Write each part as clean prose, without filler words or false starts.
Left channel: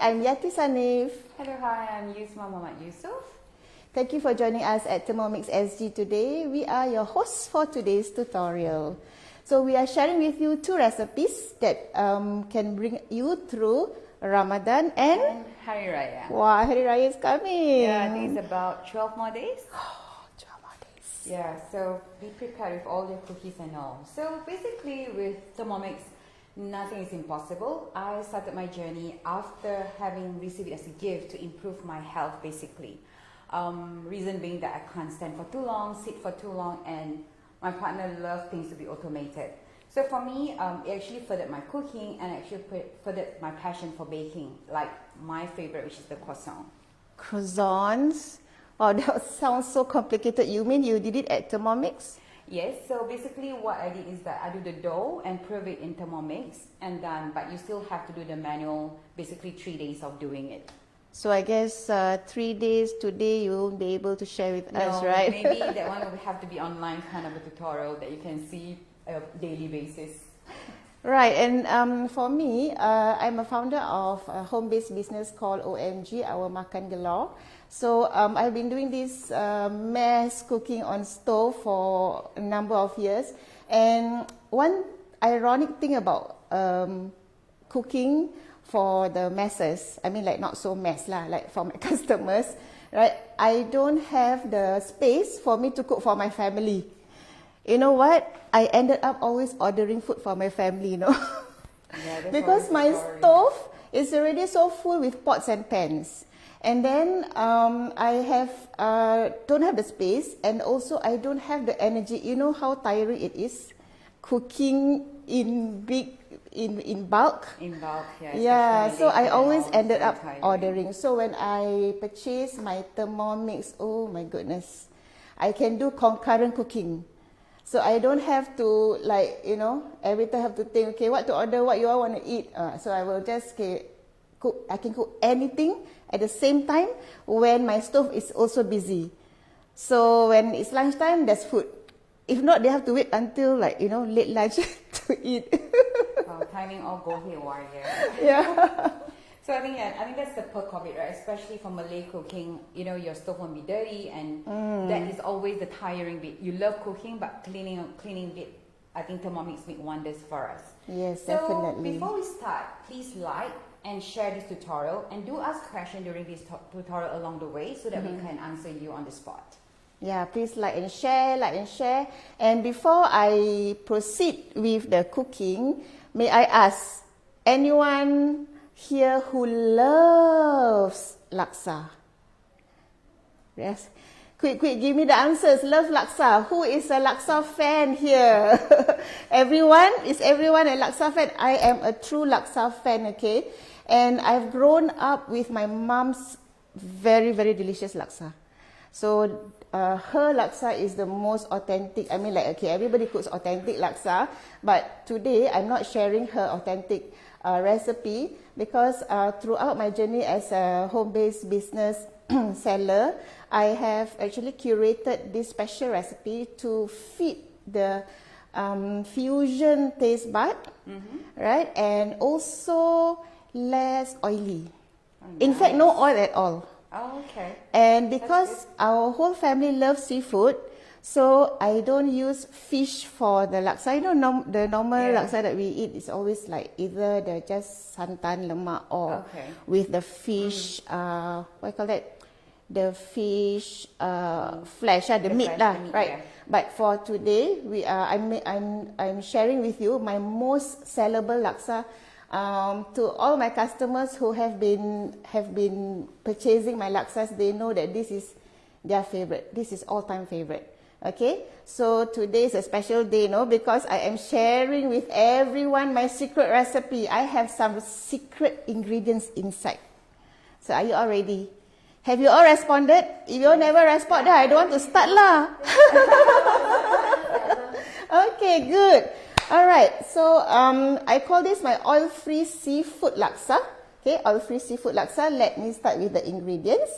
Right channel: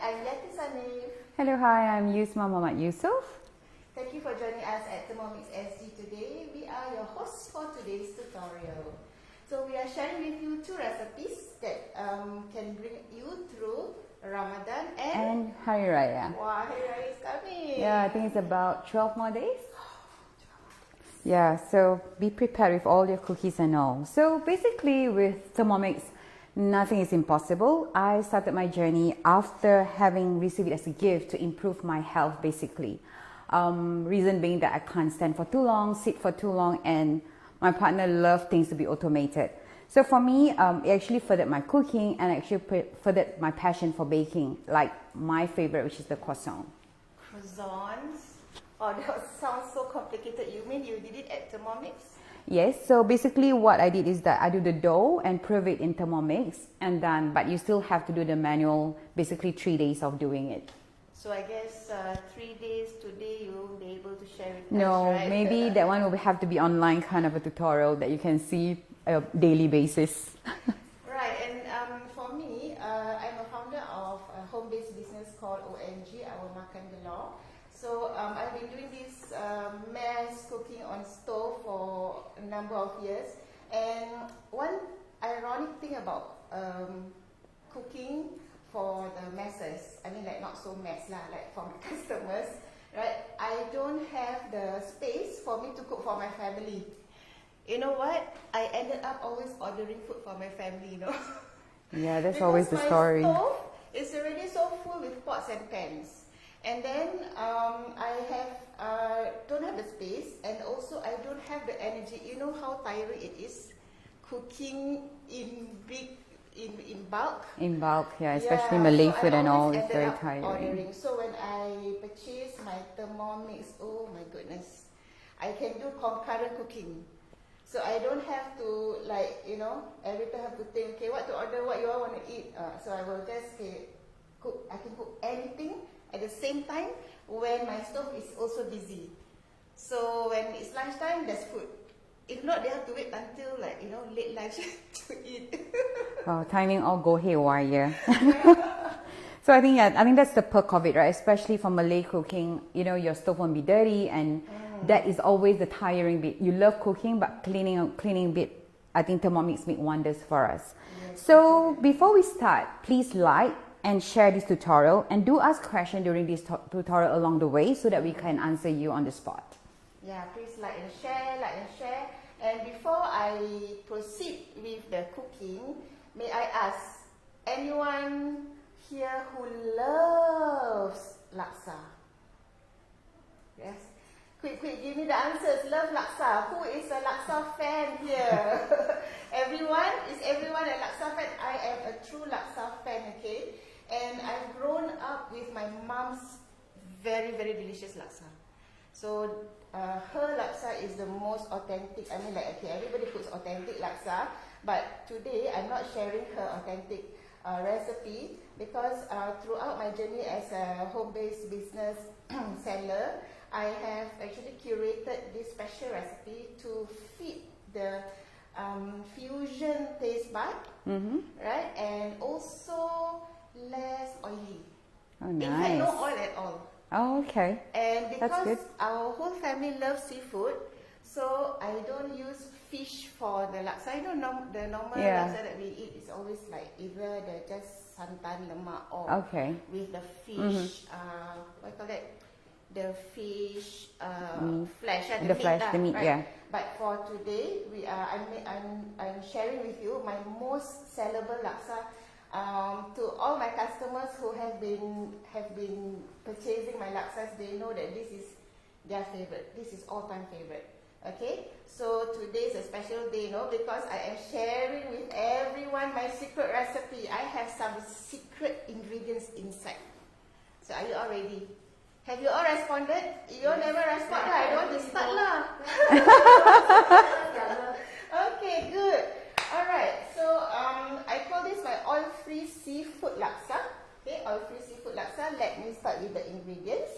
I'm Yatee Saniff. Hello, hi, I'm Yusma Yusoff. Thank you for joining us at Thermomix SG today. We are your hosts for today's tutorial. So we are sharing with you 2 recipes that can bring you through Ramadan and Hari Raya. Wow, Hari Raya is coming. Yeah, I think it's about 12 more days. 12 more days. Yeah, so be prepared with all your cookies and all. So basically with Thermomix, nothing is impossible. I started my journey after having received it as a gift to improve my health basically. Reason being that I can't stand for too long, sit for too long, and my partner loves things to be automated. So for me, it actually furthered my cooking and actually furthered my passion for baking, like my favorite, which is the croissant. Croissants? Oh, that sounds so complicated. You mean you did it at Thermomix? Yes, so basically what I did is that I do the dough and prove it in Thermomix, and then, but you still have to do the manual, basically 3 days of doing it. So I guess 3 days today you won't be able to share with us, No, right? maybe that one will have to be online kind of a tutorial that you can see on a daily basis. Right, and for me, I'm a founder of a home-based business called OMG Our Makan Galore. So I've been doing this mass cooking on stove for a number of years. And one ironic thing about cooking for the masses, I mean like not so mass lah, like for my customers, right? I don't have the space for me to cook for my family. You know what? I ended up always ordering food for my family, you know. Yeah, that's because always the my story. stove is already so full with pots and pans. And then I don't have the space, and also I don't have the energy. You know how tiring it is cooking in bulk? In bulk, yeah, especially Malay so food I always and all, ended it's up very tiring. ordering. So when I purchased my Thermomix, oh my goodness, I can do concurrent cooking. So I don't have to, like, you know, every time have to think, okay, what to order, what you all want to eat. So I will just cook. I can cook anything at the same time when my stove is also busy. So when it's lunchtime, there's food. If not, they have to wait until, like, you know, late lunch to eat. Timing all go haywire. Yeah. So I think that's the perk of it, right? Especially for Malay cooking, you know, your stove won't be dirty, and that is always the tiring bit. You love cooking, but cleaning bit, I think Thermomix make wonders for us. Yes, so definitely. Before we start, please like and share this tutorial, and do ask questions during this tutorial along the way so that we can answer you on the spot. Yeah, please like and share. And before I proceed with the cooking, may I ask, anyone here who loves laksa? Yes. Quick, give me the answers. Love laksa. Who is a laksa fan here? Everyone? Is everyone a laksa fan? I am a true laksa fan, okay? And I've grown up with my mom's very, very delicious laksa. So her laksa is the most authentic. I mean, like, okay, everybody cooks authentic laksa, but today I'm not sharing her authentic recipe because throughout my journey as a home-based business seller, I have actually curated this special recipe to fit the fusion taste bud, right? And also less oily. Oh, In fact, nice. no oil at all. Oh, okay. And because our whole family loves seafood, so I don't use fish for the laksa. You know, the normal laksa that we eat is always like either the just santan lemak or with the fish, what you call that? The fish flesh, the meat lah, right? Yeah. But for today, I'm sharing with you my most sellable laksa. To all my customers who have been purchasing my laksas, they know that this is their favorite. This is all-time favorite. Okay, so today is a special day, no? Because I am sharing with everyone my secret recipe. I have some secret ingredients inside. So are you all ready? Have you all responded? If you all never respond, then I don't want to start lah. Okay, good. Alright, so I call this my oil-free seafood laksa. Okay, oil-free seafood laksa. Let me start with the ingredients.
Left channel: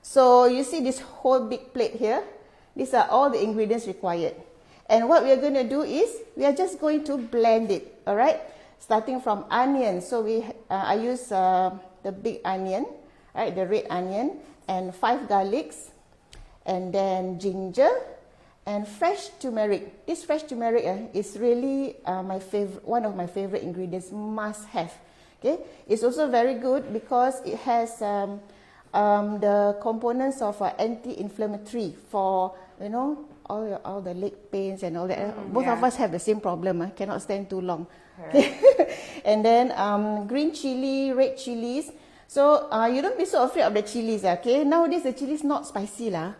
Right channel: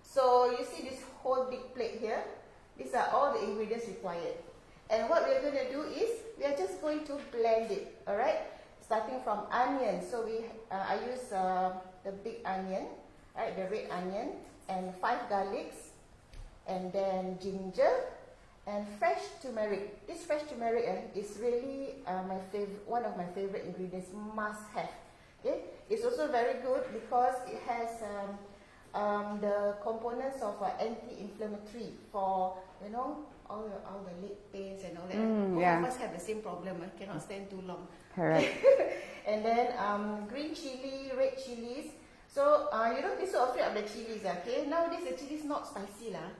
So you see this whole big plate here. These are all the ingredients required. And what we are going to do is, we are just going to blend it. Alright, starting from onions. So I use the big onion, right, the red onion, and 5 garlics, and then ginger, and fresh turmeric. This fresh turmeric is really one of my favorite ingredients, must have. Okay, it's also very good because it has the components of anti-inflammatory for, you know, all the leg pains and all that. Both of us have the same problem. Cannot stand too long. Correct. And then green chili, red chilies. So you don't be so afraid of the chilies. Okay, nowadays the chilies not spicy lah.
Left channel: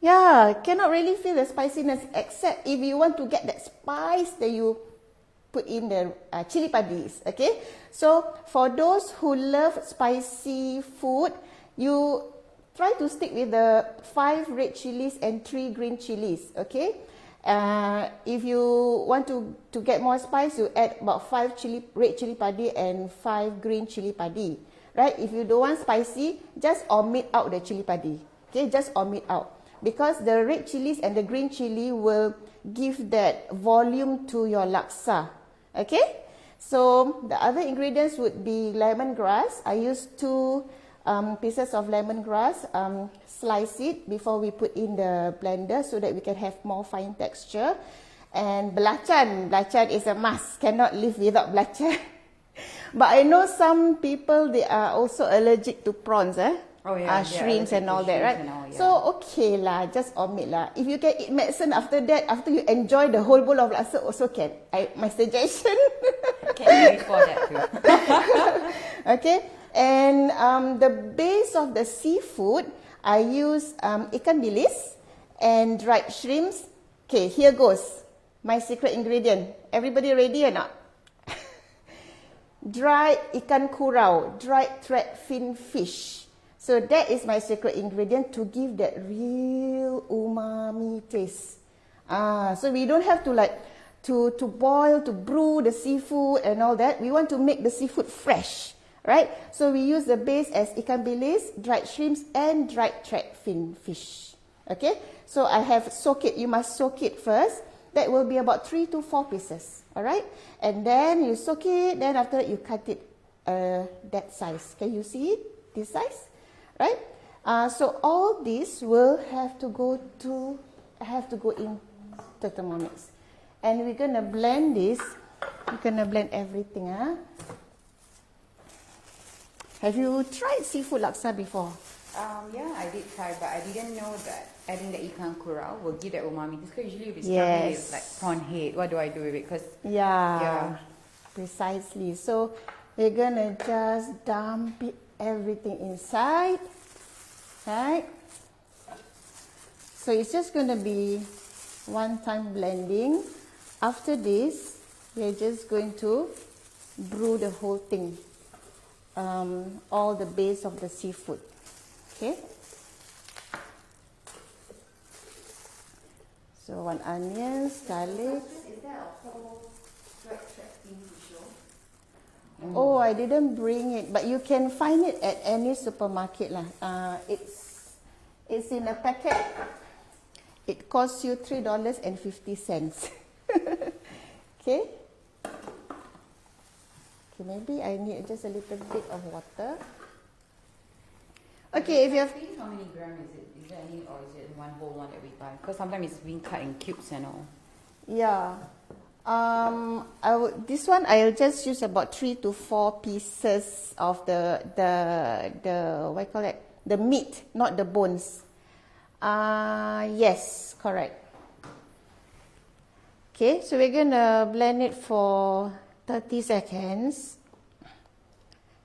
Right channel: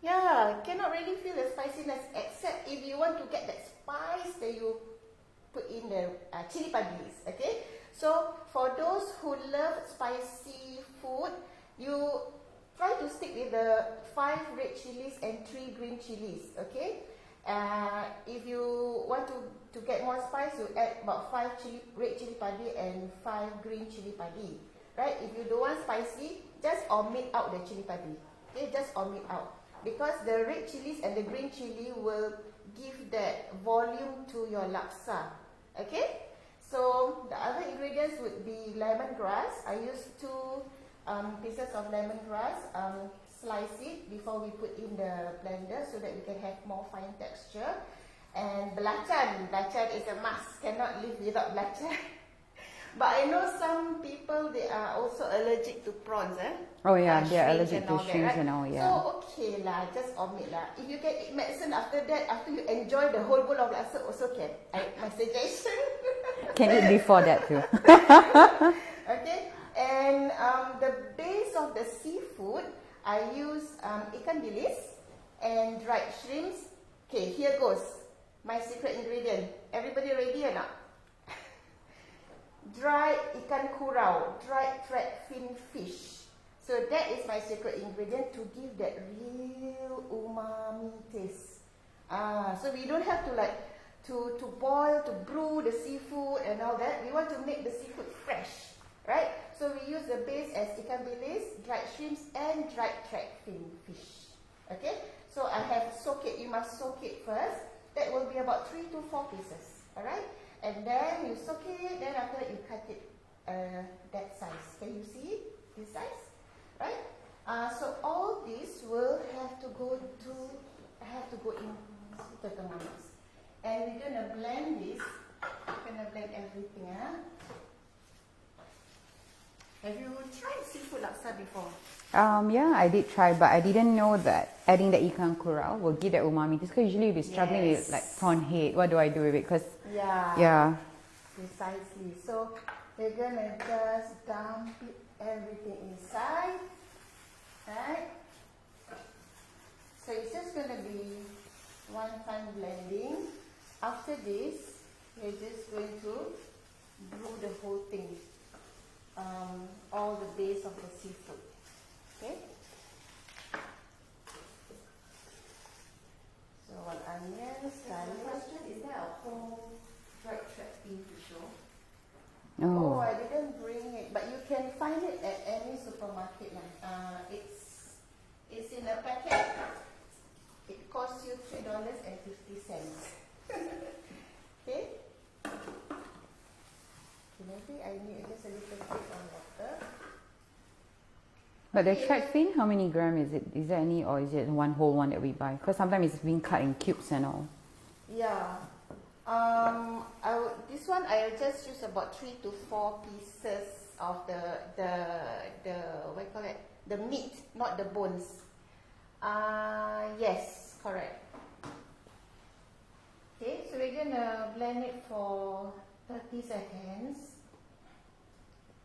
Yeah, cannot really feel the spiciness, except if you want to get that spice, that you put in the chili padis. Okay, so for those who love spicy food, you try to stick with the 5 red chilies and 3 green chilies. Okay, if you want to get more spice, you add about 5 red chili padi and 5 green chili padi. Right? If you don't want spicy, just omit out the chili padi. Okay, just omit out. Because the red chilies and the green chili will give that volume to your laksa. Okay? So, the other ingredients would be lemongrass. I use 2 pieces of lemongrass. Slice it before we put in the blender so that we can have more fine texture. And belacan. Belacan is a must. Cannot live without belacan. But I know some people, they are also allergic to prawns. Oh yeah, shrimps and all that, right? All, yeah. So okay lah, just omit lah. If you can eat medicine after that, after you enjoy the whole bowl of laksa, also can. My suggestion. Can eat before that too. Okay, and the base of the seafood, I use ikan bilis and dried shrimps. Okay, here goes my secret ingredient. Everybody ready or not? Dried ikan kurau, dried threadfin fish. So that is my secret ingredient to give that real umami taste. So we don't have to to boil, to brew the seafood and all that. We want to make the seafood fresh, right? So we use the base as ikan bilis, dried shrimps, and dried threadfin fish. Okay? So I have soak it. You must soak it first. That will be about 3 to 4 pieces. All right? And then you soak it. Then after that you cut it that size. Can you see it? This size? Right? So all this will have to go in the Thermomix, and we're gonna blend this. We're gonna blend everything. Have you tried seafood laksa before? Yeah, I did try, but I didn't know that adding the ikan kurau will give that umami. Because usually if it's struggling with like prawn head, what do I do with it? Because yeah, precisely. So we're gonna just dump it everything inside, right? So it's just going to be one-time blending. After this, we're just going to brew the whole thing, all the base of the seafood. Okay. So 1 onion, garlic. Is there a whole dried thing to show? Oh, I didn't bring it, but you can find it at any supermarket lah. It's in a packet. It costs you $3.50. Okay. Okay, maybe I need just a little bit of water. But okay, the threadfin, how many gram is it? Is there any, or is it one whole one that we buy? Because sometimes it's being cut in cubes and all. Yeah. This one I'll just use about 3 to 4 pieces of the what you call it? The meat, not the bones. Yes, correct. Okay, so we're gonna blend it for 30 seconds.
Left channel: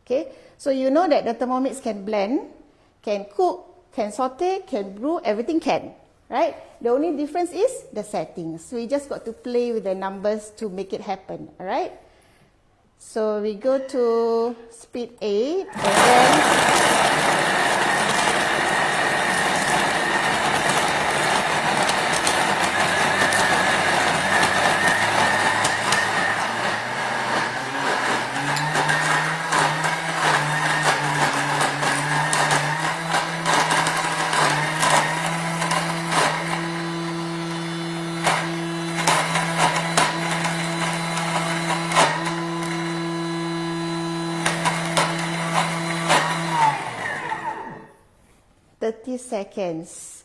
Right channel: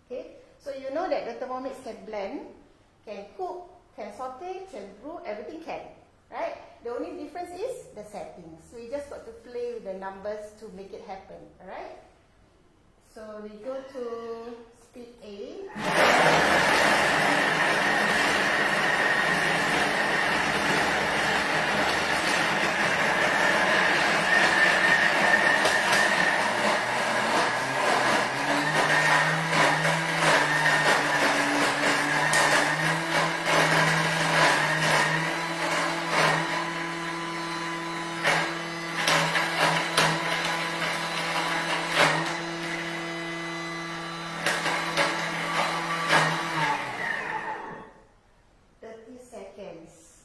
Okay, so you know that the Thermomix can blend, can cook, can saute, can brew, everything can, right? The only difference is the settings. So we just got to play with the numbers to make it happen, alright? So we go to speed 8 and then 30 seconds.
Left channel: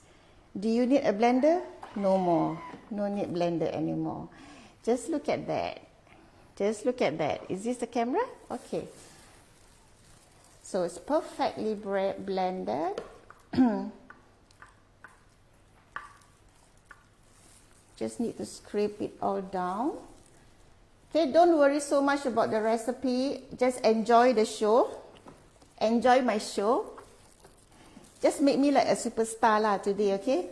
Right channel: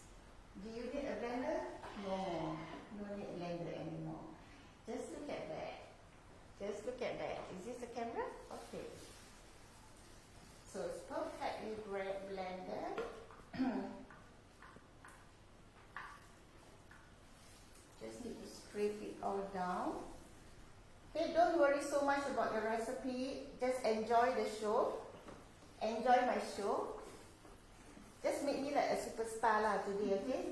Do you need a blender? No more. No need blender anymore. Just look at that. Just look at that. Is this the camera? Okay. So it's perfectly blended. Just need to scrape it all down. Okay, don't worry so much about the recipe. Just enjoy the show. Enjoy my show. Just make me like a superstar lah today, okay?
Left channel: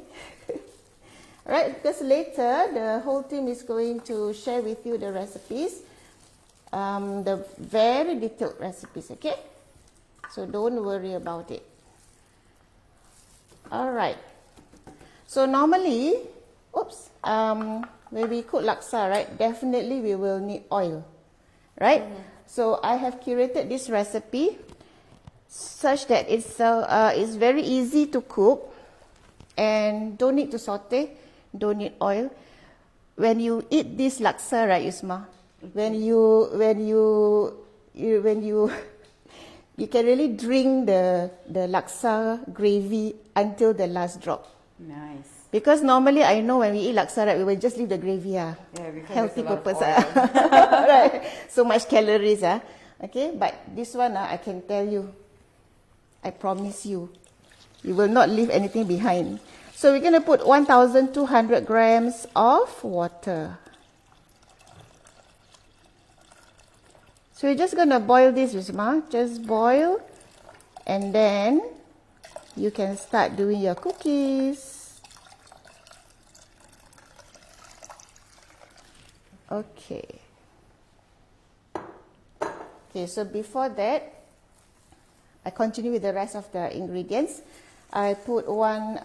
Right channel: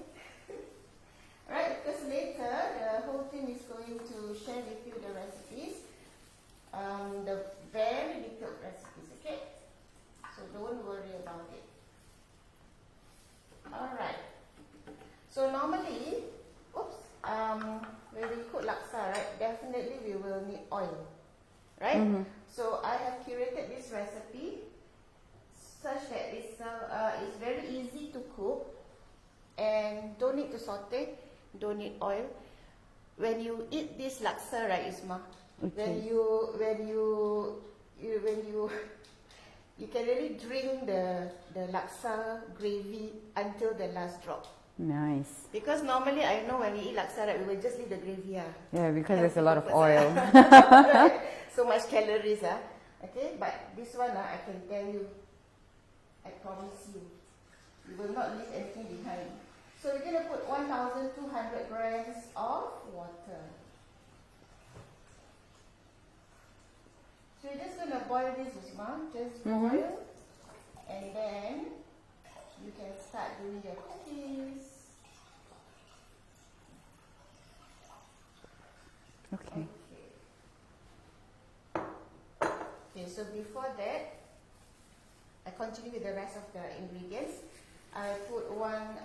Right, because later the whole team is going to share with you the recipes. The very detailed recipes, okay? So don't worry about it. Alright. So normally, when we cook laksa, right, definitely we will need oil, right? So I have curated this recipe such that it's very easy to cook and don't need to saute, don't need oil. When you eat this laksa, right, Yusma, when you can really drink the laksa gravy until the last drop. Nice. Because normally I know when we eat laksa, right, we will just leave the gravy. Yeah, because healthy there's a lot purpose, of oil. right? So much calories. Okay, but this one, I can tell you, I promise you, you will not leave anything behind. So we're going to put 1,200 grams of water. So you're just going to boil this, Yusma. Just boil, and then you can start doing your cookies. Okay. Okay, so before that, I continue with the rest of the ingredients. I put 1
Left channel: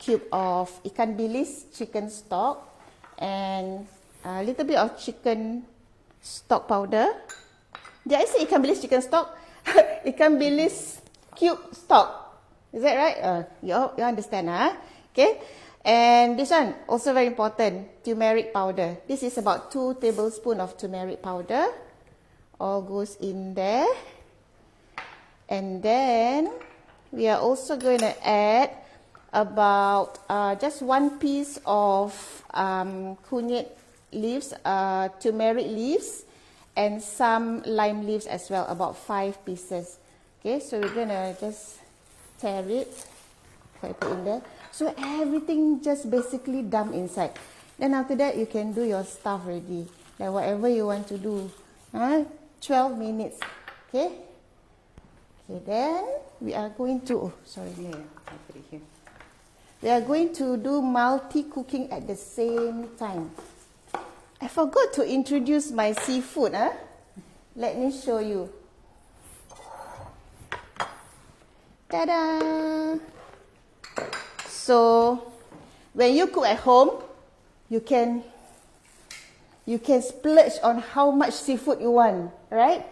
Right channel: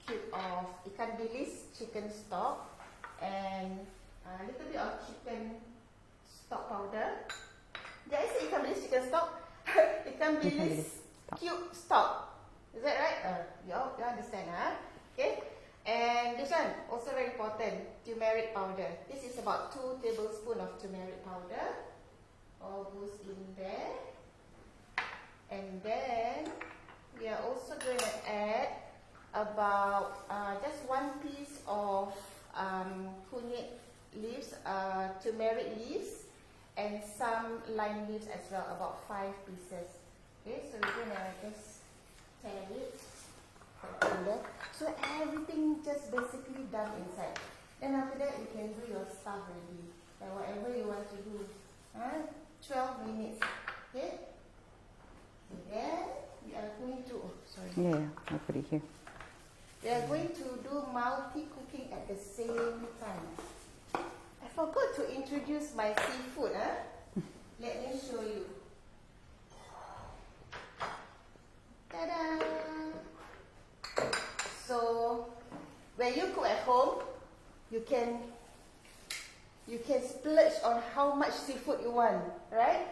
cube of ikan bilis chicken stock and a little bit of chicken stock powder. Did I say ikan bilis chicken stock? Ikan bilis cube stock. Is that right? You understand, huh? Okay. And this one, also very important, turmeric powder. This is about 2 tablespoons of turmeric powder. All goes in there. And then we are also going to add about just 1 piece of kunyit leaves, turmeric leaves, and some lime leaves as well, about 5 pieces. Okay, so we're going to just tear it, put in there. So everything just basically dump inside. Then after that, you can do your stuff ready, like whatever you want to do. 12 minutes, okay? Okay, then we are going to, Yeah, I'll put it here. We are going to do multi-cooking at the same time. I forgot to introduce my seafood. Let me show you. Ta-da! So, when you cook at home, you can splurge on how much seafood you want, right?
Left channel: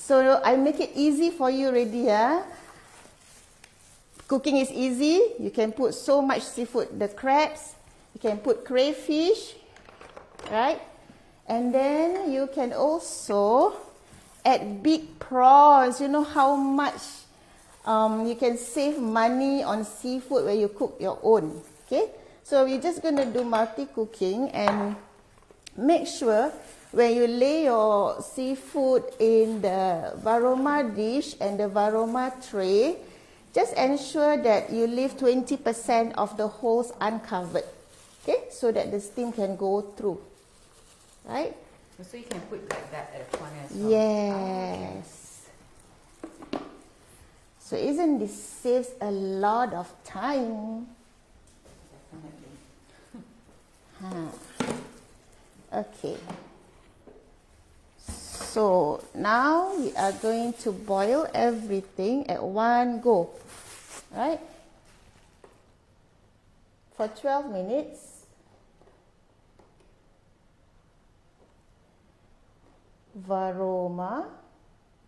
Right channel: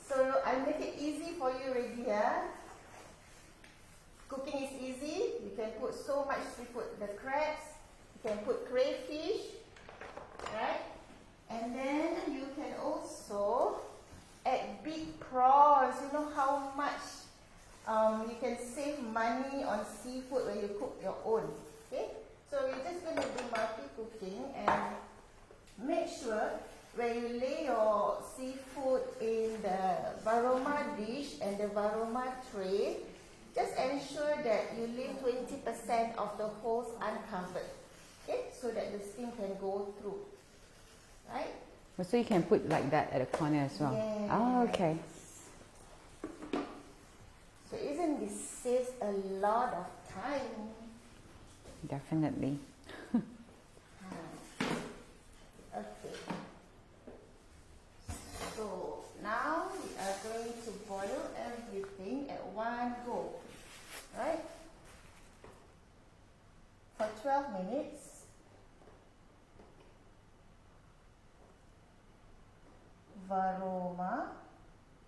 So I make it easy for you already. Cooking is easy. You can put so much seafood. The crabs, you can put crayfish, right? And then you can also add big prawns. You know how much you can save money on seafood when you cook your own. Okay, so we're just going to do multi-cooking, and make sure when you lay your seafood in the varoma dish and the varoma tray, just ensure that you leave 20% of the holes uncovered, okay, so that the steam can go through, right? So you can put like that at the corner as well? Yes. Oh, okay. So isn't this saves a lot of time? Definitely. Okay. So now we are going to boil everything at one go, right? For 12 minutes. Varoma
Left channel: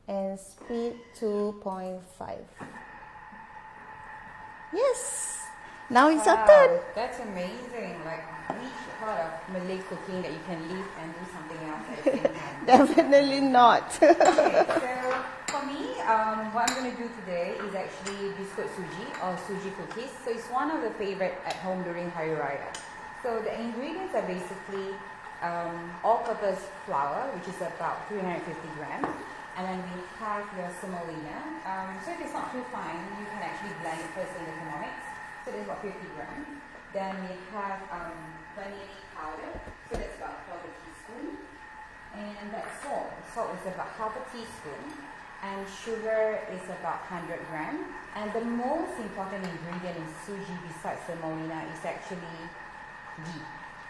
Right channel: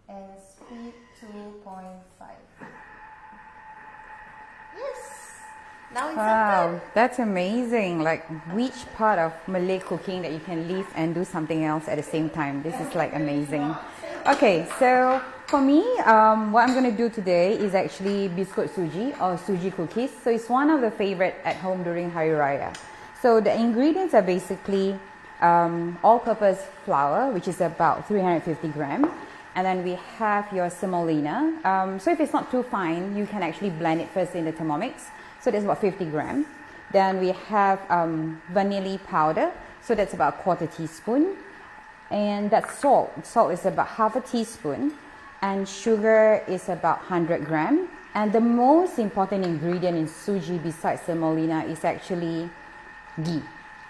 and speed 2.5. Yes, Now it's your turn. That's amazing. Like, which part of Malay cooking that you can leave and do something else at the same time? This is like Definitely amazing. not. Okay, so for me, what I'm going to do today is actually biscuit suji or Suji Cookies. So it's one of the favorite at home during Hari Raya. So the ingredients are basically all-purpose flour, which is about 350 grams. And then we have your semolina. So if it's not too fine, you can actually blend it first in the Thermomix. So that's about 50 grams. Then we have vanilla powder. So that's about a quarter teaspoon. And that's salt. Salt is about half a teaspoon. And sugar is about 100 grams. And the most important ingredient in suji besides semolina is actually ghee.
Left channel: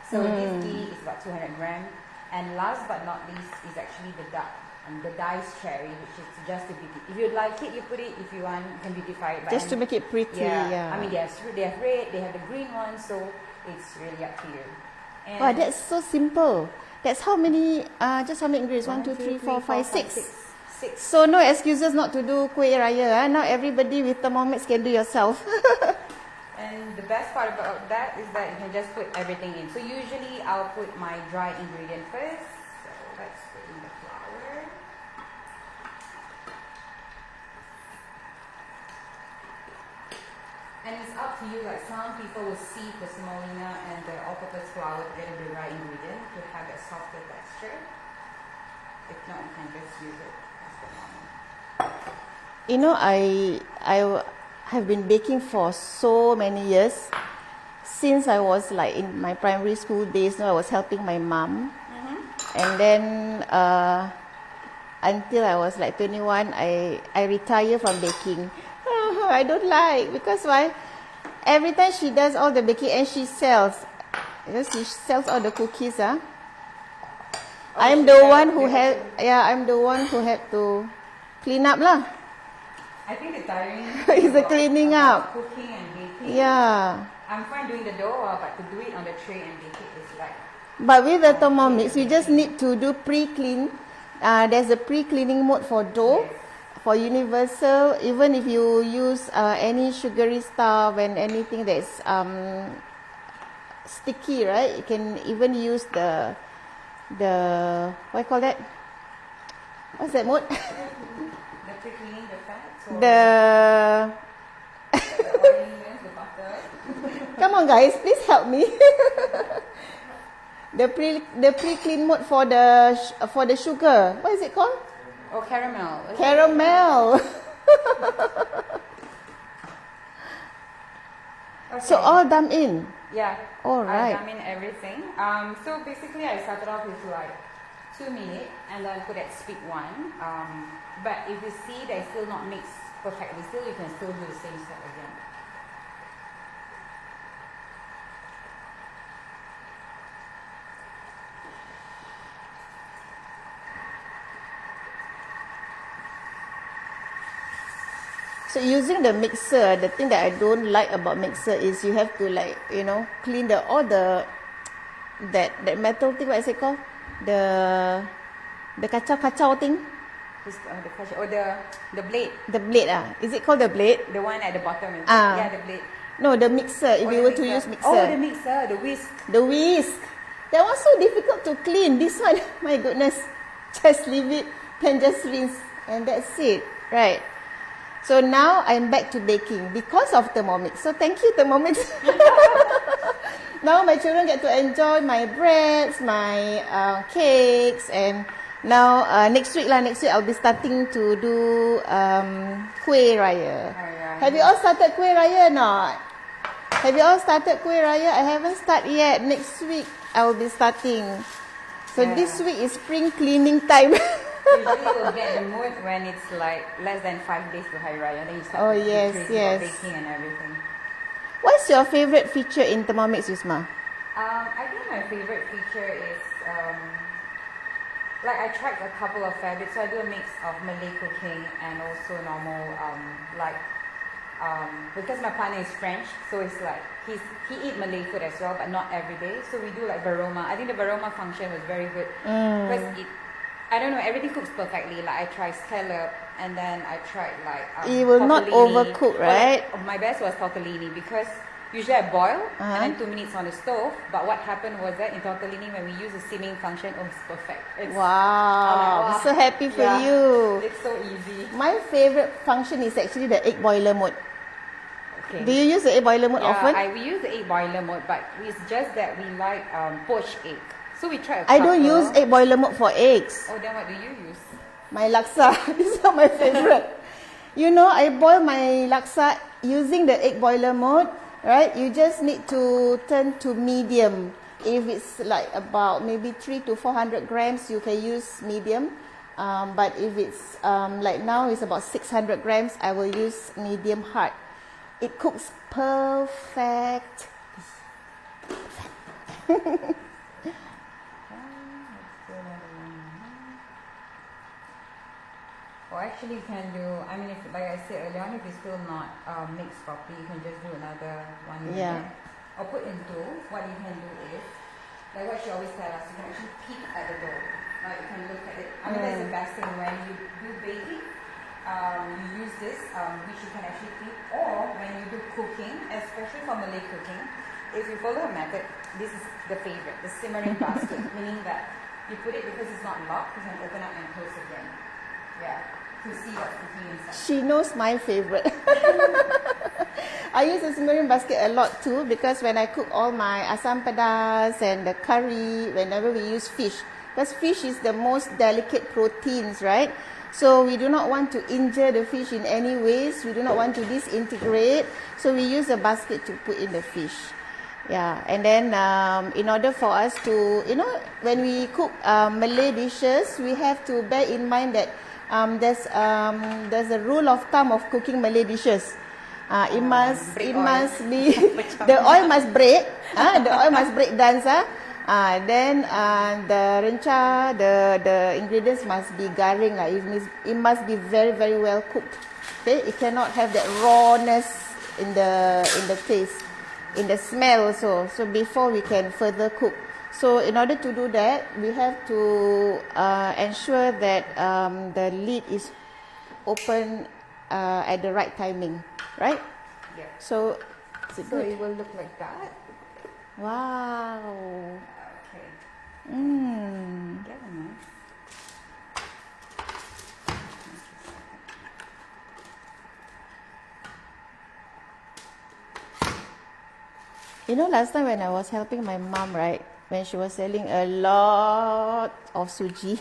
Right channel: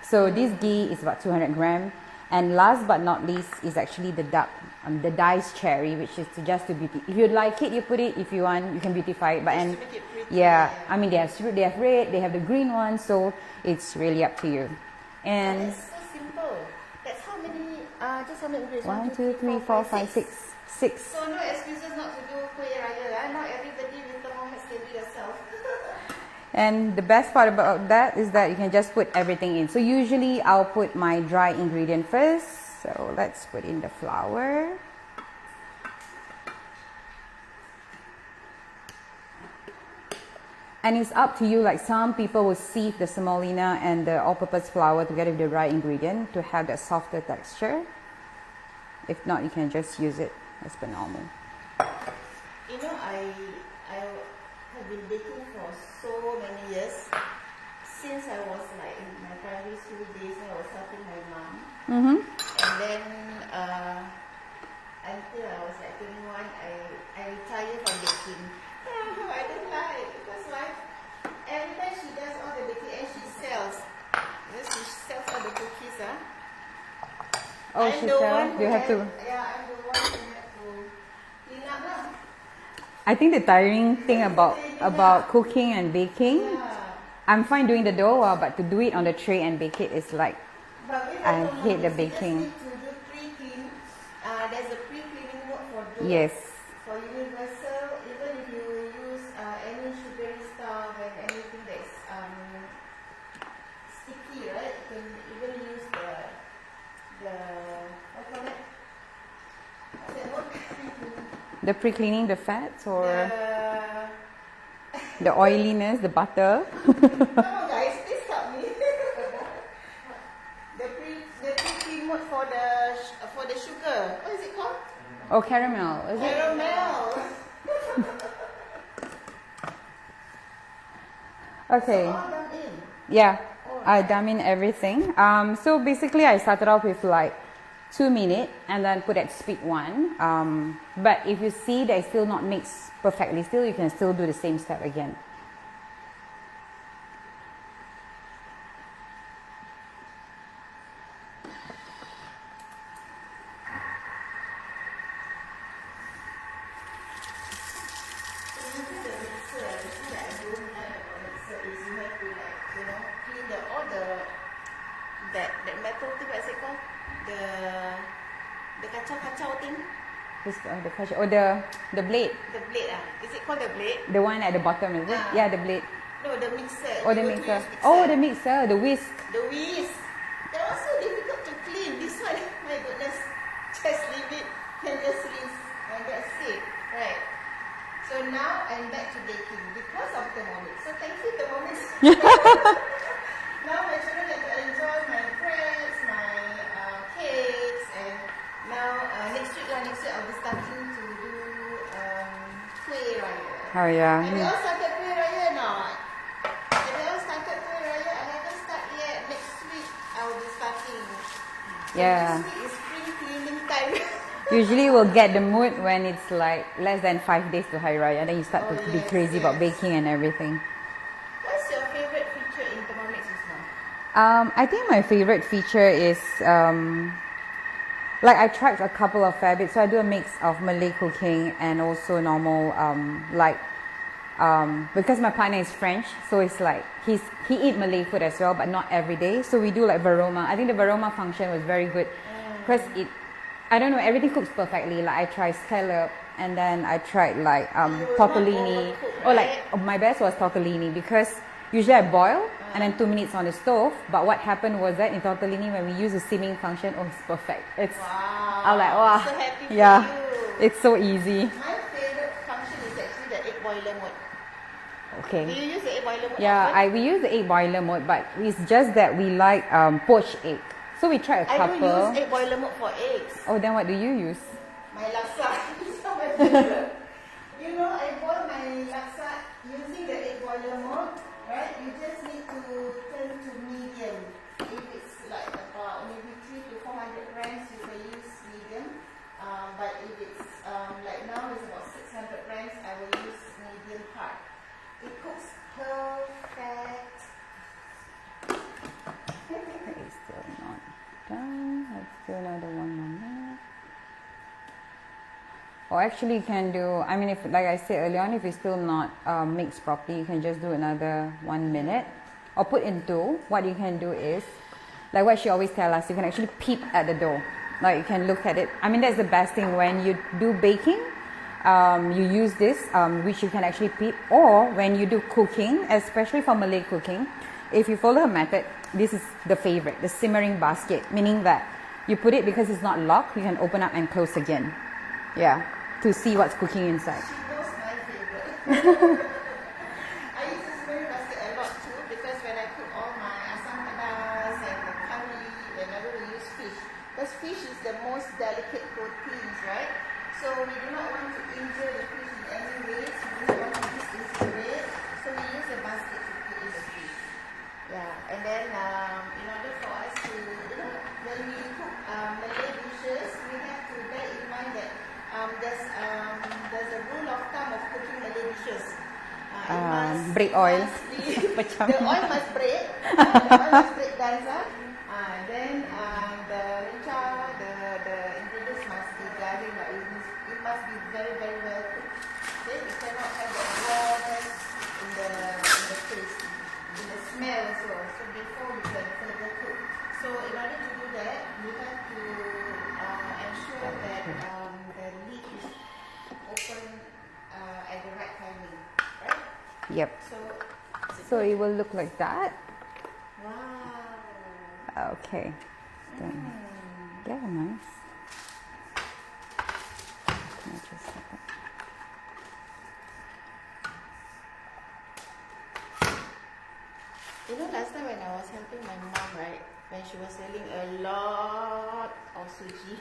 So this ghee is about 200 grams. And last but not least is actually the diced cherry, which is just to beauty. If you like it, you put it. If you want, you can beautify it. But Just to make it pretty. Yeah. I mean, they have red, they have the green one, so it's really up to you. And Wow, that's so simple. That's how many, just how many ingredients? 1, 2, 3, 4, 5, 6. 6. So no excuses not to do kueh raya. Now everybody with Thermomix can do yourself. And the best part about that is that you can just put everything in. So usually I'll put my dry ingredient first. So let's put in the flour. And it's up to you, like some people will sieve the semolina and the all-purpose flour together with the dry ingredient to have that softer texture. If not, you can just use it as per normal. You know, I have been baking for so many years. Since I was like in my primary school days, I was helping my mom. And then until I was like 21, I retired from baking. I don't like, because why? Every time she does all the baking and she sells. She sells all the cookies. I'm the one who I'm the one who had to clean up lah. I think the tiring thing about cooking and baking. Yeah. I'm fine doing the dough, but to do it on the tray and bake it is like. But with the Thermomix, you just need to do pre-clean. There's a pre-cleaning mode for dough. Yes. For universal, even if you use any sugary stuff and anything that's sticky, right? You can even use the what you call that? What's that mode? The pre-cleaning the fats or the oiliness, the butter. Come on, guys, please help me. the pre-clean mode for the sugar. What is it called? Oh, caramel. Caramel. Okay. So all dumped in. Yeah. All right. I dump in everything. So basically, I started off with like 2 minutes and then put at speed 1. But if you see that it's still not mixed perfectly, still you can still do the same step again. So using the mixer, the thing that I don't like about mixer is you have to like, clean all the that metal thing, what is it called? The kacau thing. Or the blade. The blade is it called the blade? The one at the bottom, is it? Yeah, the blade. No, the mixer. If you were to use mixer. Oh, the mixer, the whisk. The whisk. That was so difficult to clean. This one, my goodness, just leave it and just rinse and that's it, right? So now I'm back to baking because of Thermomix. So thank you, Thermomix. Now my children get to enjoy my breads, my cakes, and now next week I'll be starting to do kueh raya. Oh yeah. Have you all started kueh raya or not? Have you all started kueh raya? I haven't started yet. Next week I will be starting. So this week is spring cleaning time. Usually we'll get the mood when it's like less than 5 days to Hari Raya, then you start to be crazy about baking and everything. What's your favorite feature in Thermomix, Yusma? I think my favorite feature is like I tried a couple of fabrics, so I do a mix of Malay cooking and also normal because my partner is French, so it's like he eat Malay food as well, but not every day. So we do like varoma. I think the varoma function was very good because I don't know, everything cooks perfectly. Like I tried scallop and then I tried like it will not overcook, right? My best was tortellini because Usually I boil and then 2 minutes on the stove. But what happened was that in Tortellini, when we use the steaming function, oh, it's perfect. It's, Wow. I'm like, wow. So happy for Yeah. you. It's so easy. My favorite function is actually the egg boiler mode. Okay. Do you use the egg boiler mode Yeah, often? we use the egg boiler mode, but it's just that we like poached egg. So we try a I couple. don't use egg boiler mode for eggs. Oh, then what do you use? My laksa. These are my favorite. You know, I boil my laksa using the egg boiler mode, right? You just need to turn to medium. If it's like about maybe 300 to 400 grams, you can use medium. But if it's like now it's about 600 grams, I will use medium hard. It cooks perfect. Let's do another one. Or actually you can do, I mean, if like I said earlier on, if it's still not mixed properly, you can just do another 1 minute. Or put in two. What you can do is, like what she always tells us, you can actually peep at the dough. Like you can look at it. I mean, that's the best thing when you do baking. You use this, which you can actually peep. Or when you do cooking, especially for Malay cooking, if you follow a method, this is the favorite, the simmering basket. Meaning that you put it, because it's not locked, you can open up and close again. Yeah. To see what's cooking inside. She knows my favorite. I use the simmering basket a lot too, because when I cook all my asam pedas and the curry, whenever we use fish, because fish is the most delicate proteins, right? So we do not want to injure the fish in any ways. We do not want to disintegrate. So we use a basket to put in the fish. Yeah, and then in order for us to, you know, when we cook Malay dishes, we have to bear in mind that there's a rule of thumb of cooking Malay dishes. It must be the oil must break. The oil must break dance. Then the rencha, the ingredients must be garing. It must be very, very well cooked. Okay, it cannot have that rawness in the taste, in the smell also. So before we can further cook. So in order to do that, we have to ensure that the lid is open at the right timing, right? Yep. So it will look like that. Wow. Okay. Yeah, nice. You know, last time when I was helping my mom, right, when she was selling a lot of suji,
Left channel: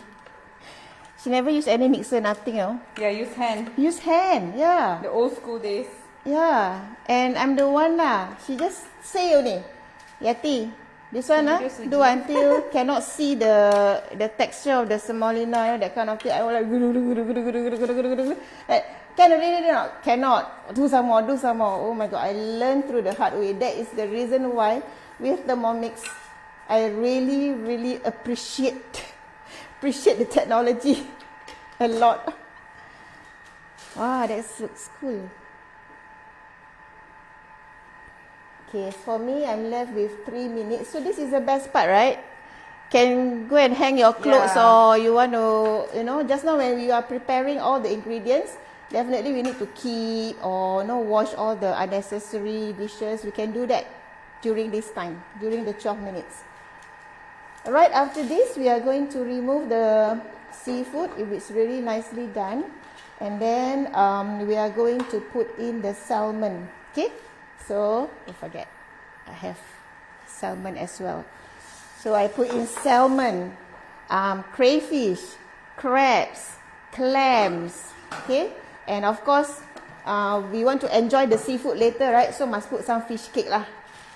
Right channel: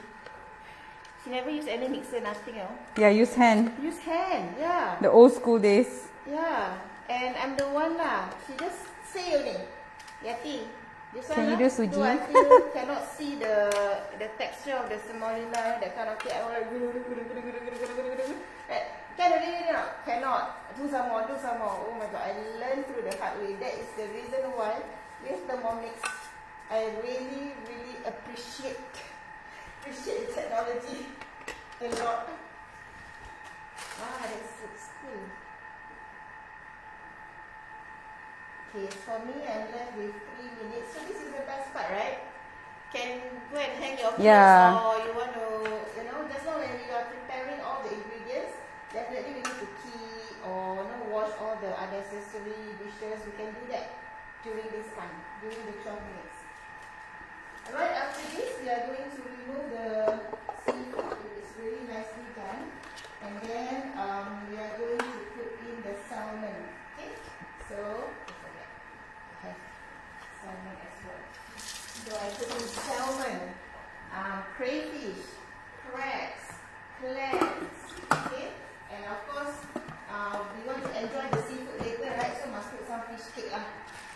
she never used any mixer, nothing, you know. Yeah, use hand. Use hand, yeah. The old school days. Yeah, and I'm the one lah. She just say only, Yatee, this one do until cannot see the texture of the semolina, that kind of thing. I was like, can already not? Cannot. Do some more. Oh my God, I learned through the hard way. That is the reason why with Thermomix, I really, really appreciate the technology a lot. Ah, that looks cool. Okay, for me, I'm left with 3 minutes. So this is the best part, right? Can go and hang your clothes, or you want to, you know, just now when you are preparing all the ingredients, definitely we need to keep or wash all the unnecessary dishes. We can do that during this time, during the 12 minutes. Right after this, we are going to remove the seafood if it's really nicely done. And then we are going to put in the salmon. Okay? So, don't forget, I have salmon as well. So I put in salmon, crayfish, crabs, clams, okay? And of course, we want to enjoy the seafood later, right? So must put some fish cake lah.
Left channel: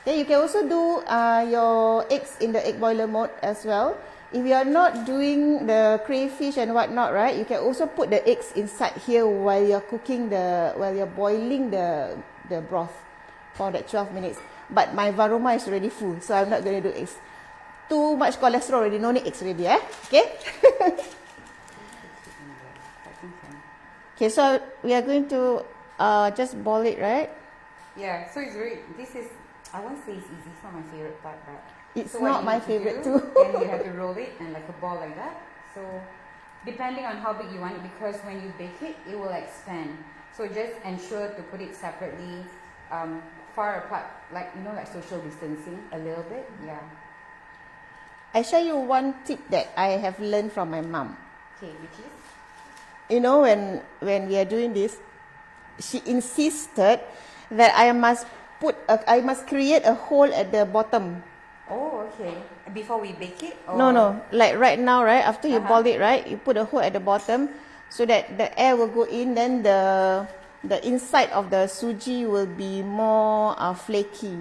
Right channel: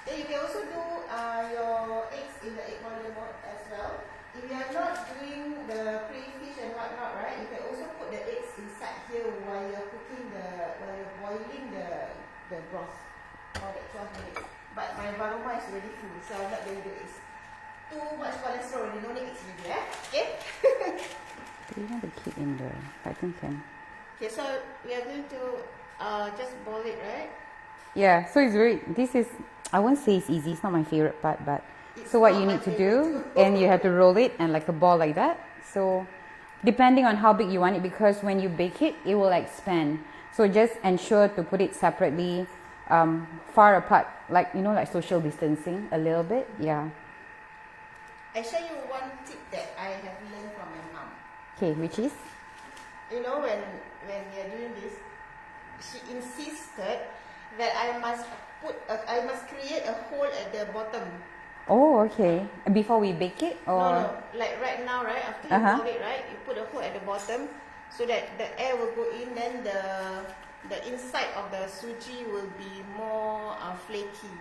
Then you can also do your eggs in the egg boiler mode as well. If you are not doing the crayfish and whatnot, right? You can also put the eggs inside here while you're cooking while you're boiling the broth for that 12 minutes. But my varoma is already full, so I'm not going to do eggs. Too much cholesterol already, no need eggs already, okay? You want to keep in there, I think so. Okay, so we are going to just boil it, right? Yeah, so it's I won't say it's easy, it's not my favorite part, but it's so what you need to do, and you have to roll it and like a ball like that. So depending on how big you want it, because when you bake it, it will expand. So just ensure to put it separately far apart, like like social distancing a little bit. Yeah. I share you one tip that I have learned from my mom. Okay, which is? When we are doing this, she insisted that I must create a hole at the bottom. Oh, okay. Before we bake it? Or? No. Like right now, right? After you boil it, right? You put a hole at the bottom so that the air will go in. Then the inside of the suji will be more flaky.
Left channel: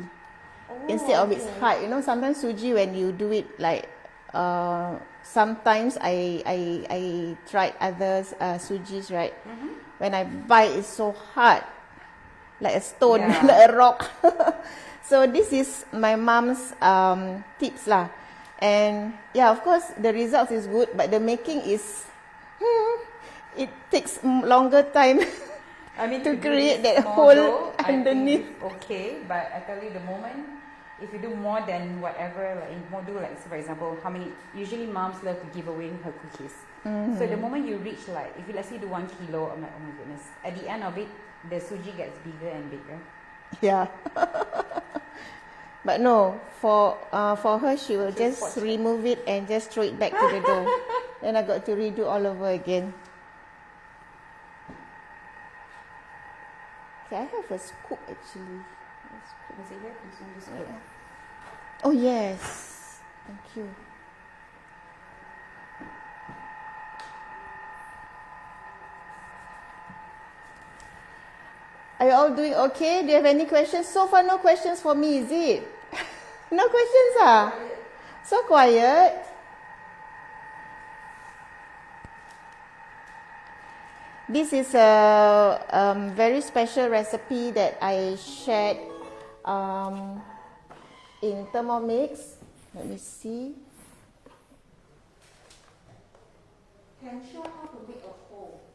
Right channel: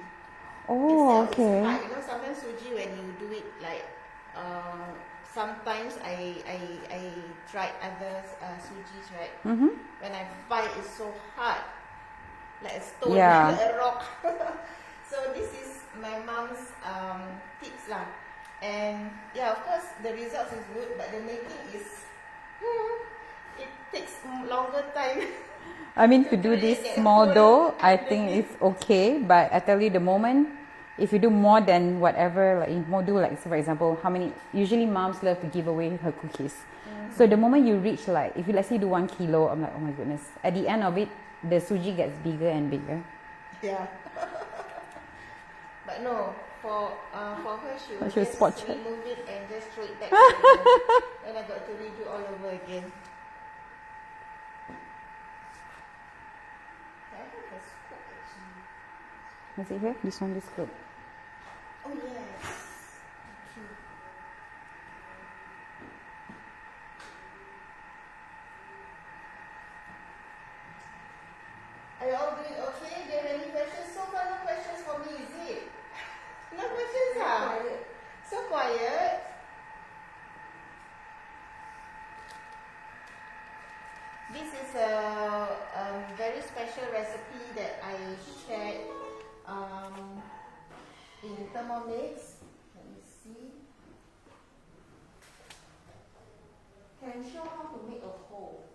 Oh, instead of okay. its hard. Sometimes suji, when you do it like, sometimes I tried others sujis, right? When I buy, it's so hard, like a stone, like a rock. So this is my mom's tips lah. And yeah, of course the results is good, but the making is it takes longer time. I mean, to do create this that small hole dough, I think underneath. it's okay. But I tell you, the moment, if you do more than whatever, like you do, like, so for example, usually moms love to give away her cookies. So the moment you reach, like, if you let's say do 1 kilo, I'm like, oh my goodness. At the end of it, the suji gets bigger and bigger. Yeah. But no, for her, she will just remove it and just throw it back to the dough. Then I got to redo all over again. Okay, I have a scoop actually. Is it here? This one, this scoop. Oh yes, thank you. Are you all doing okay? Do you have any questions? So far, no questions for me, is it? No questions, ah? So quiet. This is a very special recipe that I shared in Thermomix. Let me see. Can show how to make a hole.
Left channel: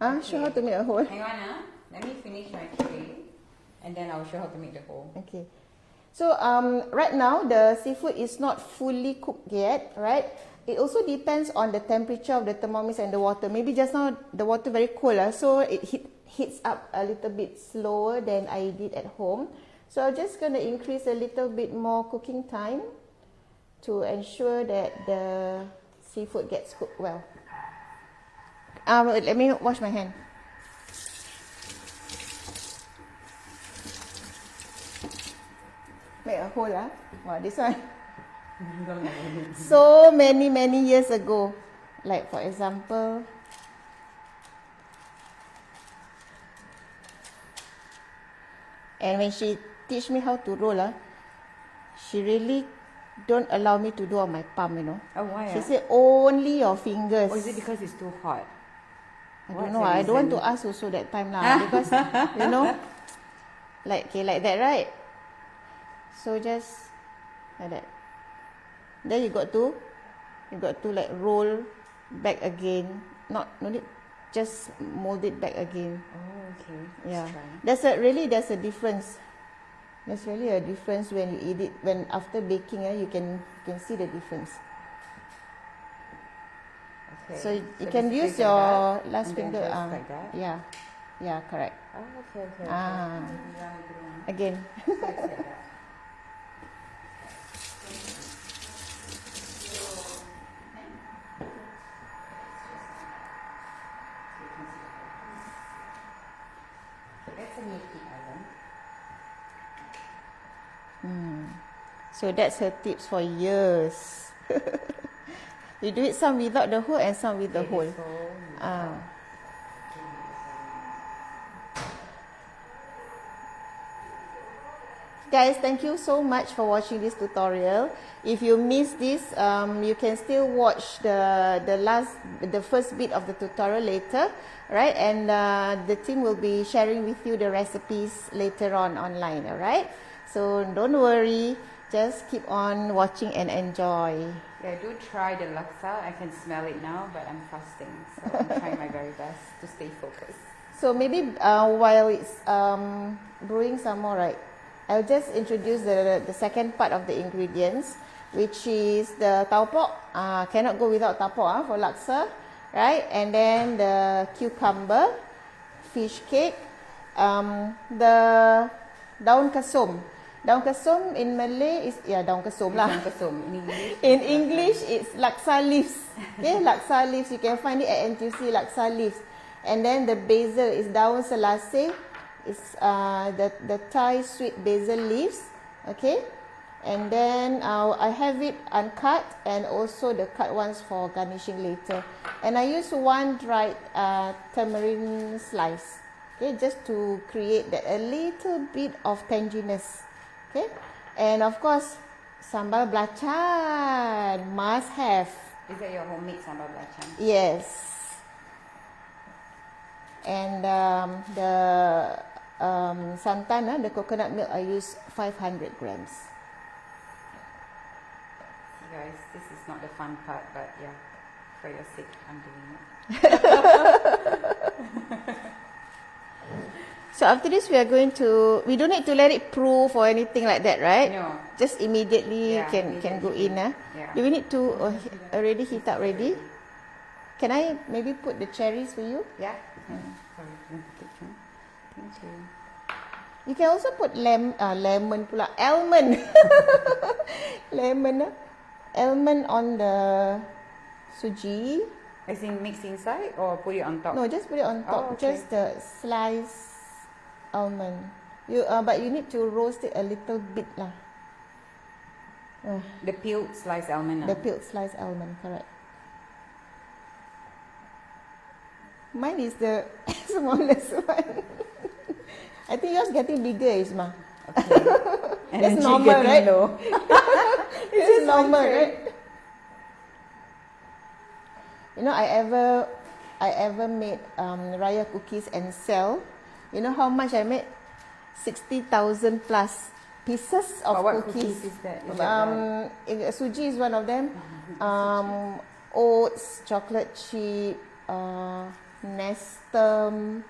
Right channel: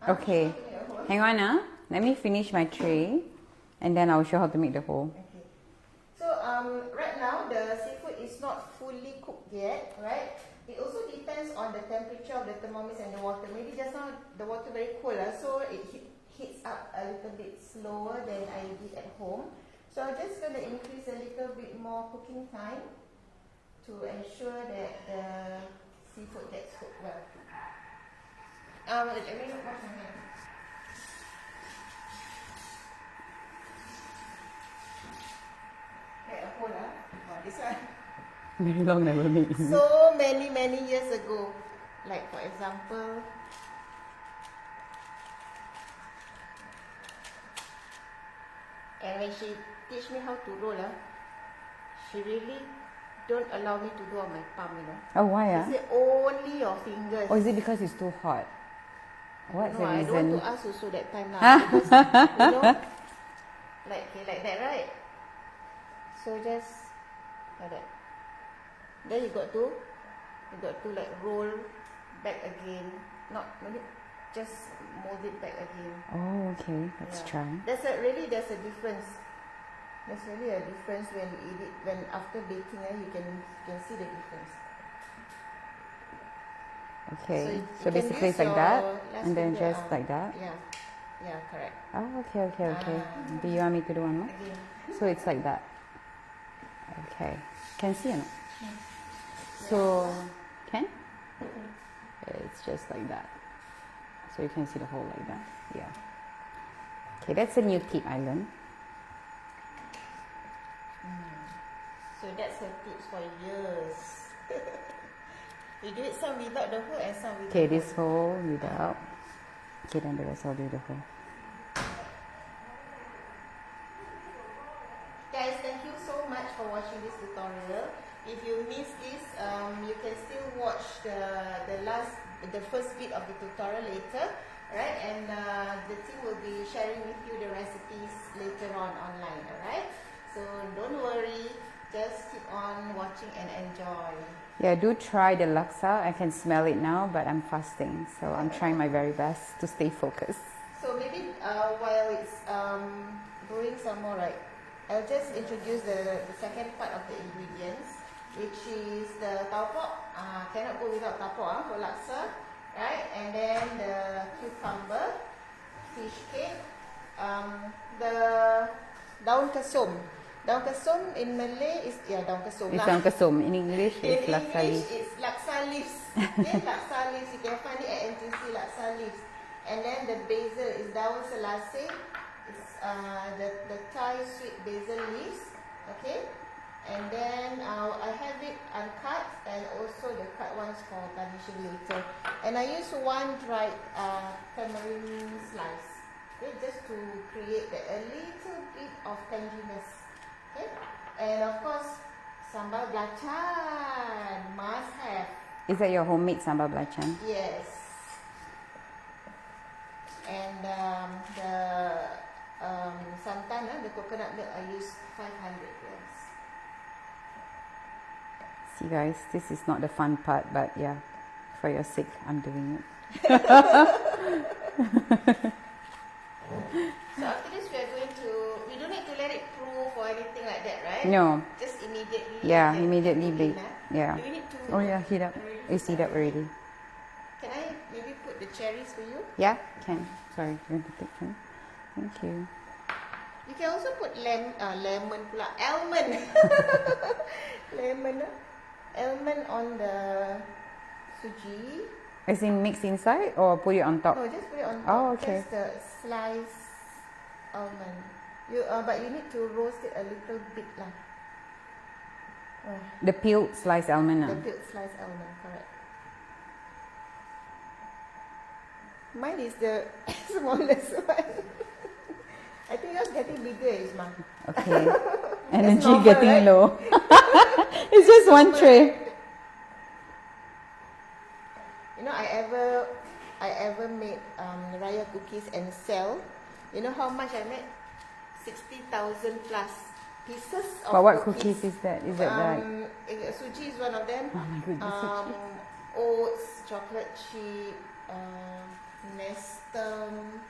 Okay. Show how to make a hole. Hang on, let me finish my tray, and then I'll show how to make the hole. Okay. So right now the seafood is not fully cooked yet, right? It also depends on the temperature of the Thermomix and the water. Maybe just now the water very cold, so it heats up a little bit slower than I did at home. So I'm just going to increase a little bit more cooking time to ensure that the seafood gets cooked well. Let me wash my hand. Make a hole, Wow, this one. Very long never made. So many years ago, like for example, and when she teach me how to roll, she really don't allow me to do on my palm, Oh, why? She said only your fingers. Or is it because it's too hard? I don't know. I don't want to ask also that time now because like that, right? So just like that. Then you got to like roll back again. Not just mold it back again. Oh, okay. Let's try. There's a difference. There's really a difference when you eat it. When after baking, you can see the difference. Okay. So you can basically use like your that, last and then finger. just like that. Yeah, correct. Oh, okay. Do you want me to do one more? Again. So it's like that. Okay. Can you see it? So, can? It's just like that. So you can see the hole like that. Yeah. Okay, that's a new tip I learned. So that's her tips for years. You do it some without the hole and some with the hole. Okay, this hole without. Okay, then the rest I'll do the hole. Guys, thank you so much for watching this tutorial. If you missed this, you can still watch the first bit of the tutorial later, right? And the team will be sharing with you the recipes later on online, alright? So don't worry, just keep on watching and enjoy. Yeah, do try the laksa. I can smell it now, but I'm fasting, so I'm trying my very best to stay focused. So maybe while it's brewing some more, right? I'll just introduce the second part of the ingredients, which is the taupok. Cannot go without taupok for laksa, right? And then the cucumber, fish cake, the daun kesum. Daun kesum in Malay is daun kesum lah. Daun kesum. In English, in English, it's laksa leaves. Okay, laksa leaves. You can find it at NTUC, laksa leaves. And then the basil is daun selasih. It's the Thai sweet basil leaves. Okay, and then I have it uncut and also the cut ones for garnishing later. And I use one dried tamarind slice. Okay, just to create that a little bit of tanginess. Okay, and of course, sambal belacan must have. Is that your homemade sambal belacan? Yes. And the santan, the coconut milk, I use 500 grams. See guys, this is not the fun part, but yeah, for your sake, I'm doing it. So after this, we don't need to let it proof or anything like that, right? No. Just immediately can go in. Yeah. Do we need to heat up. already heat up already? Already. Can I maybe put the cherries for you? Yeah, can. Sorry, you can take them. Thank you. You can also put lemon pula. Almond. Lemon. Almond on the suji. As in mix inside or put it on top? No, just put it on top. Oh, okay. Just the sliced almond. But you need to roast it a little bit lah. The peeled sliced almond. The peeled sliced almond, correct. Mine is the smallest one. I think yours getting bigger, Yusma. Okay. Energy normal, getting right? low. It's just one normal, tray. right? You know, I ever made Raya cookies and sell. You know how much I made? 60,000 plus pieces of But what cookies. cookies is that? Is that right? Suji is one of them. Oh my goodness, Oats, chocolate chip, Nestum.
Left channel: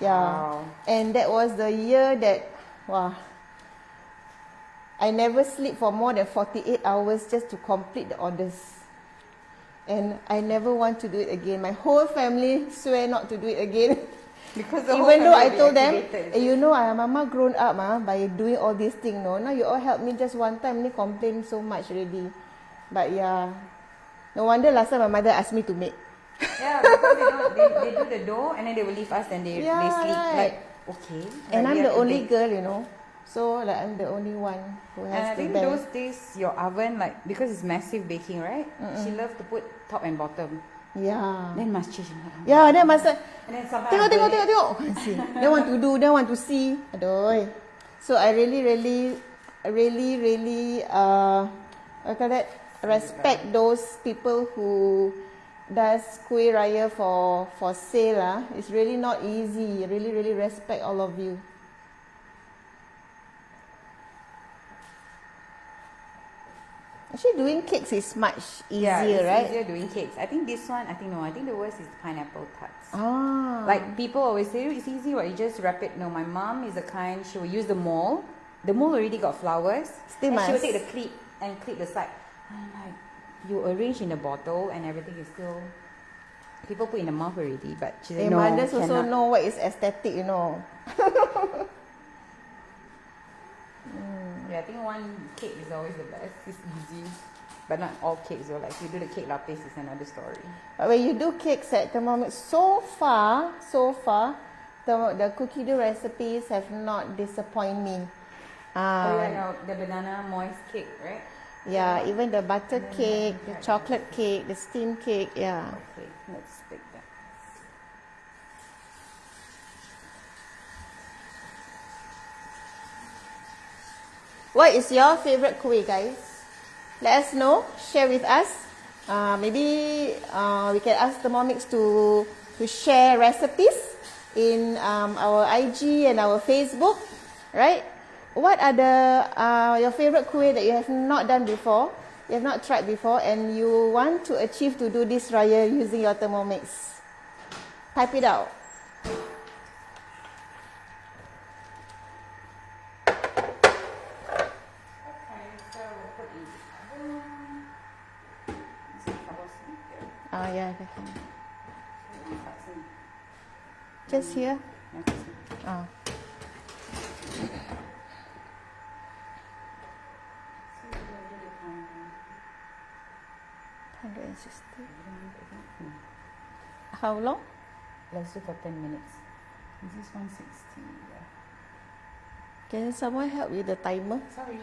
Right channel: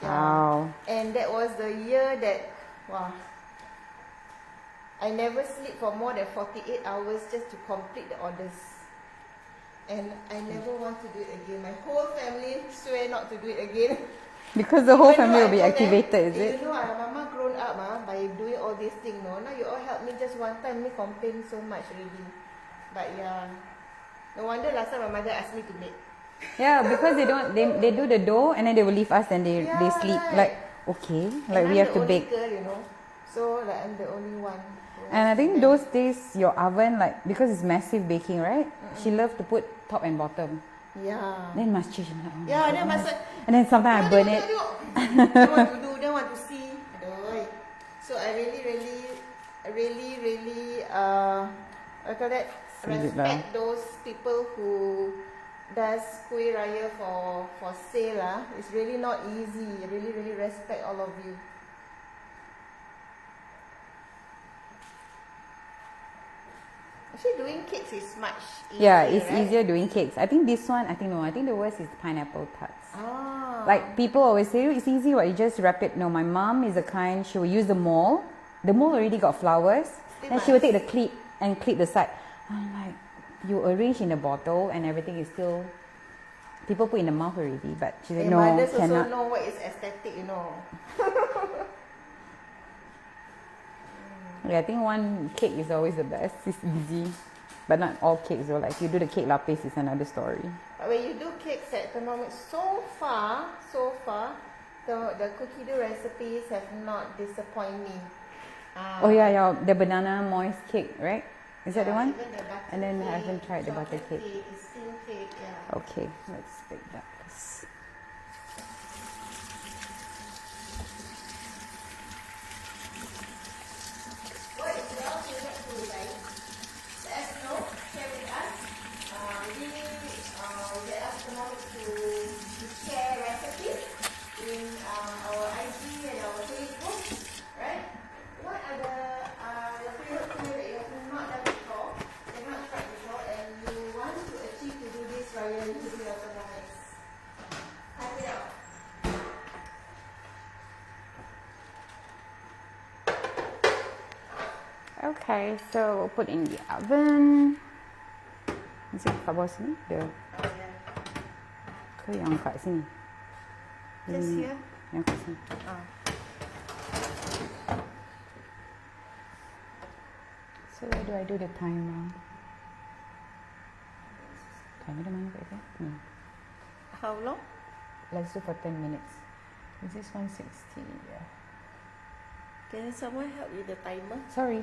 Yeah. Wow. And that was the year that, I never sleep for more than 48 hours just to complete the orders. And I never want to do it again. My whole family swear not to do it again. Because the whole Even though family I will be told them, activated, is it? you know, Mama grown up by doing all these things. No, now you all help me just one time. Me complain so much already. But yeah, no wonder last time my mother asked me to make. Yeah, because they do the dough and then they will leave us and they sleep. Right. Like, okay. And Like I'm we have the to only bake. girl, you know. So like I'm the only one who has And I to think bear. those days your oven, like, because it's massive baking, right? She loved to put top and bottom. Yeah. Then must change. Yeah, then must And then sometimes I burn it. tengok. Don't want to do, don't want to see. Aduh. So I really what call that? Respect those people who does kueh raya for sale. It's really not easy. Really respect all of you. Actually, doing cakes is much easier, Yeah, it's right? easier doing cakes. I think this one, I think the worst is pineapple tarts. Ah. Like people always say, it's easy, what, you just wrap it. No, my mom is the kind, she will use the mold. The mold already got flowers. Still and she will must. take the clip and clip the side. I'm like, you arrange in the bottle and everything is still, people put in the mouth already, but she said, The no, mothers also cannot. know what is aesthetic, you know. Yeah, I think one cake is always the best. It's easy. But not all cakes though. Like if you do the cake lapis, it's another story. But when you do cakes at Thermomix, so far, the cookie dough recipes have not disappointed me. Oh yeah, the banana moist cake, right? Is that the Yeah, one? even the butter And then I cake, haven't tried the the chocolate butter cake, the steam cake, yeah. Okay, let's take that. What is your favorite kueh, guys? Let us know. Share with us. Maybe we can ask Thermomix to share recipes in our IG and our Facebook, right? What are your favorite kueh that you have not done before, you have not tried before, and you want to achieve to do this raya using your Thermomix? Type it out. Okay, so put in the oven. Masih kat bawah sini? Dia Oh yeah. ke yang kat sini? Just here. Yang kat sini. So where do I do the time now? 160. Have you the money, I think? No. How long? Let's do for 10 minutes. Is this 160? Yeah. Can someone help with the timer? Sorry.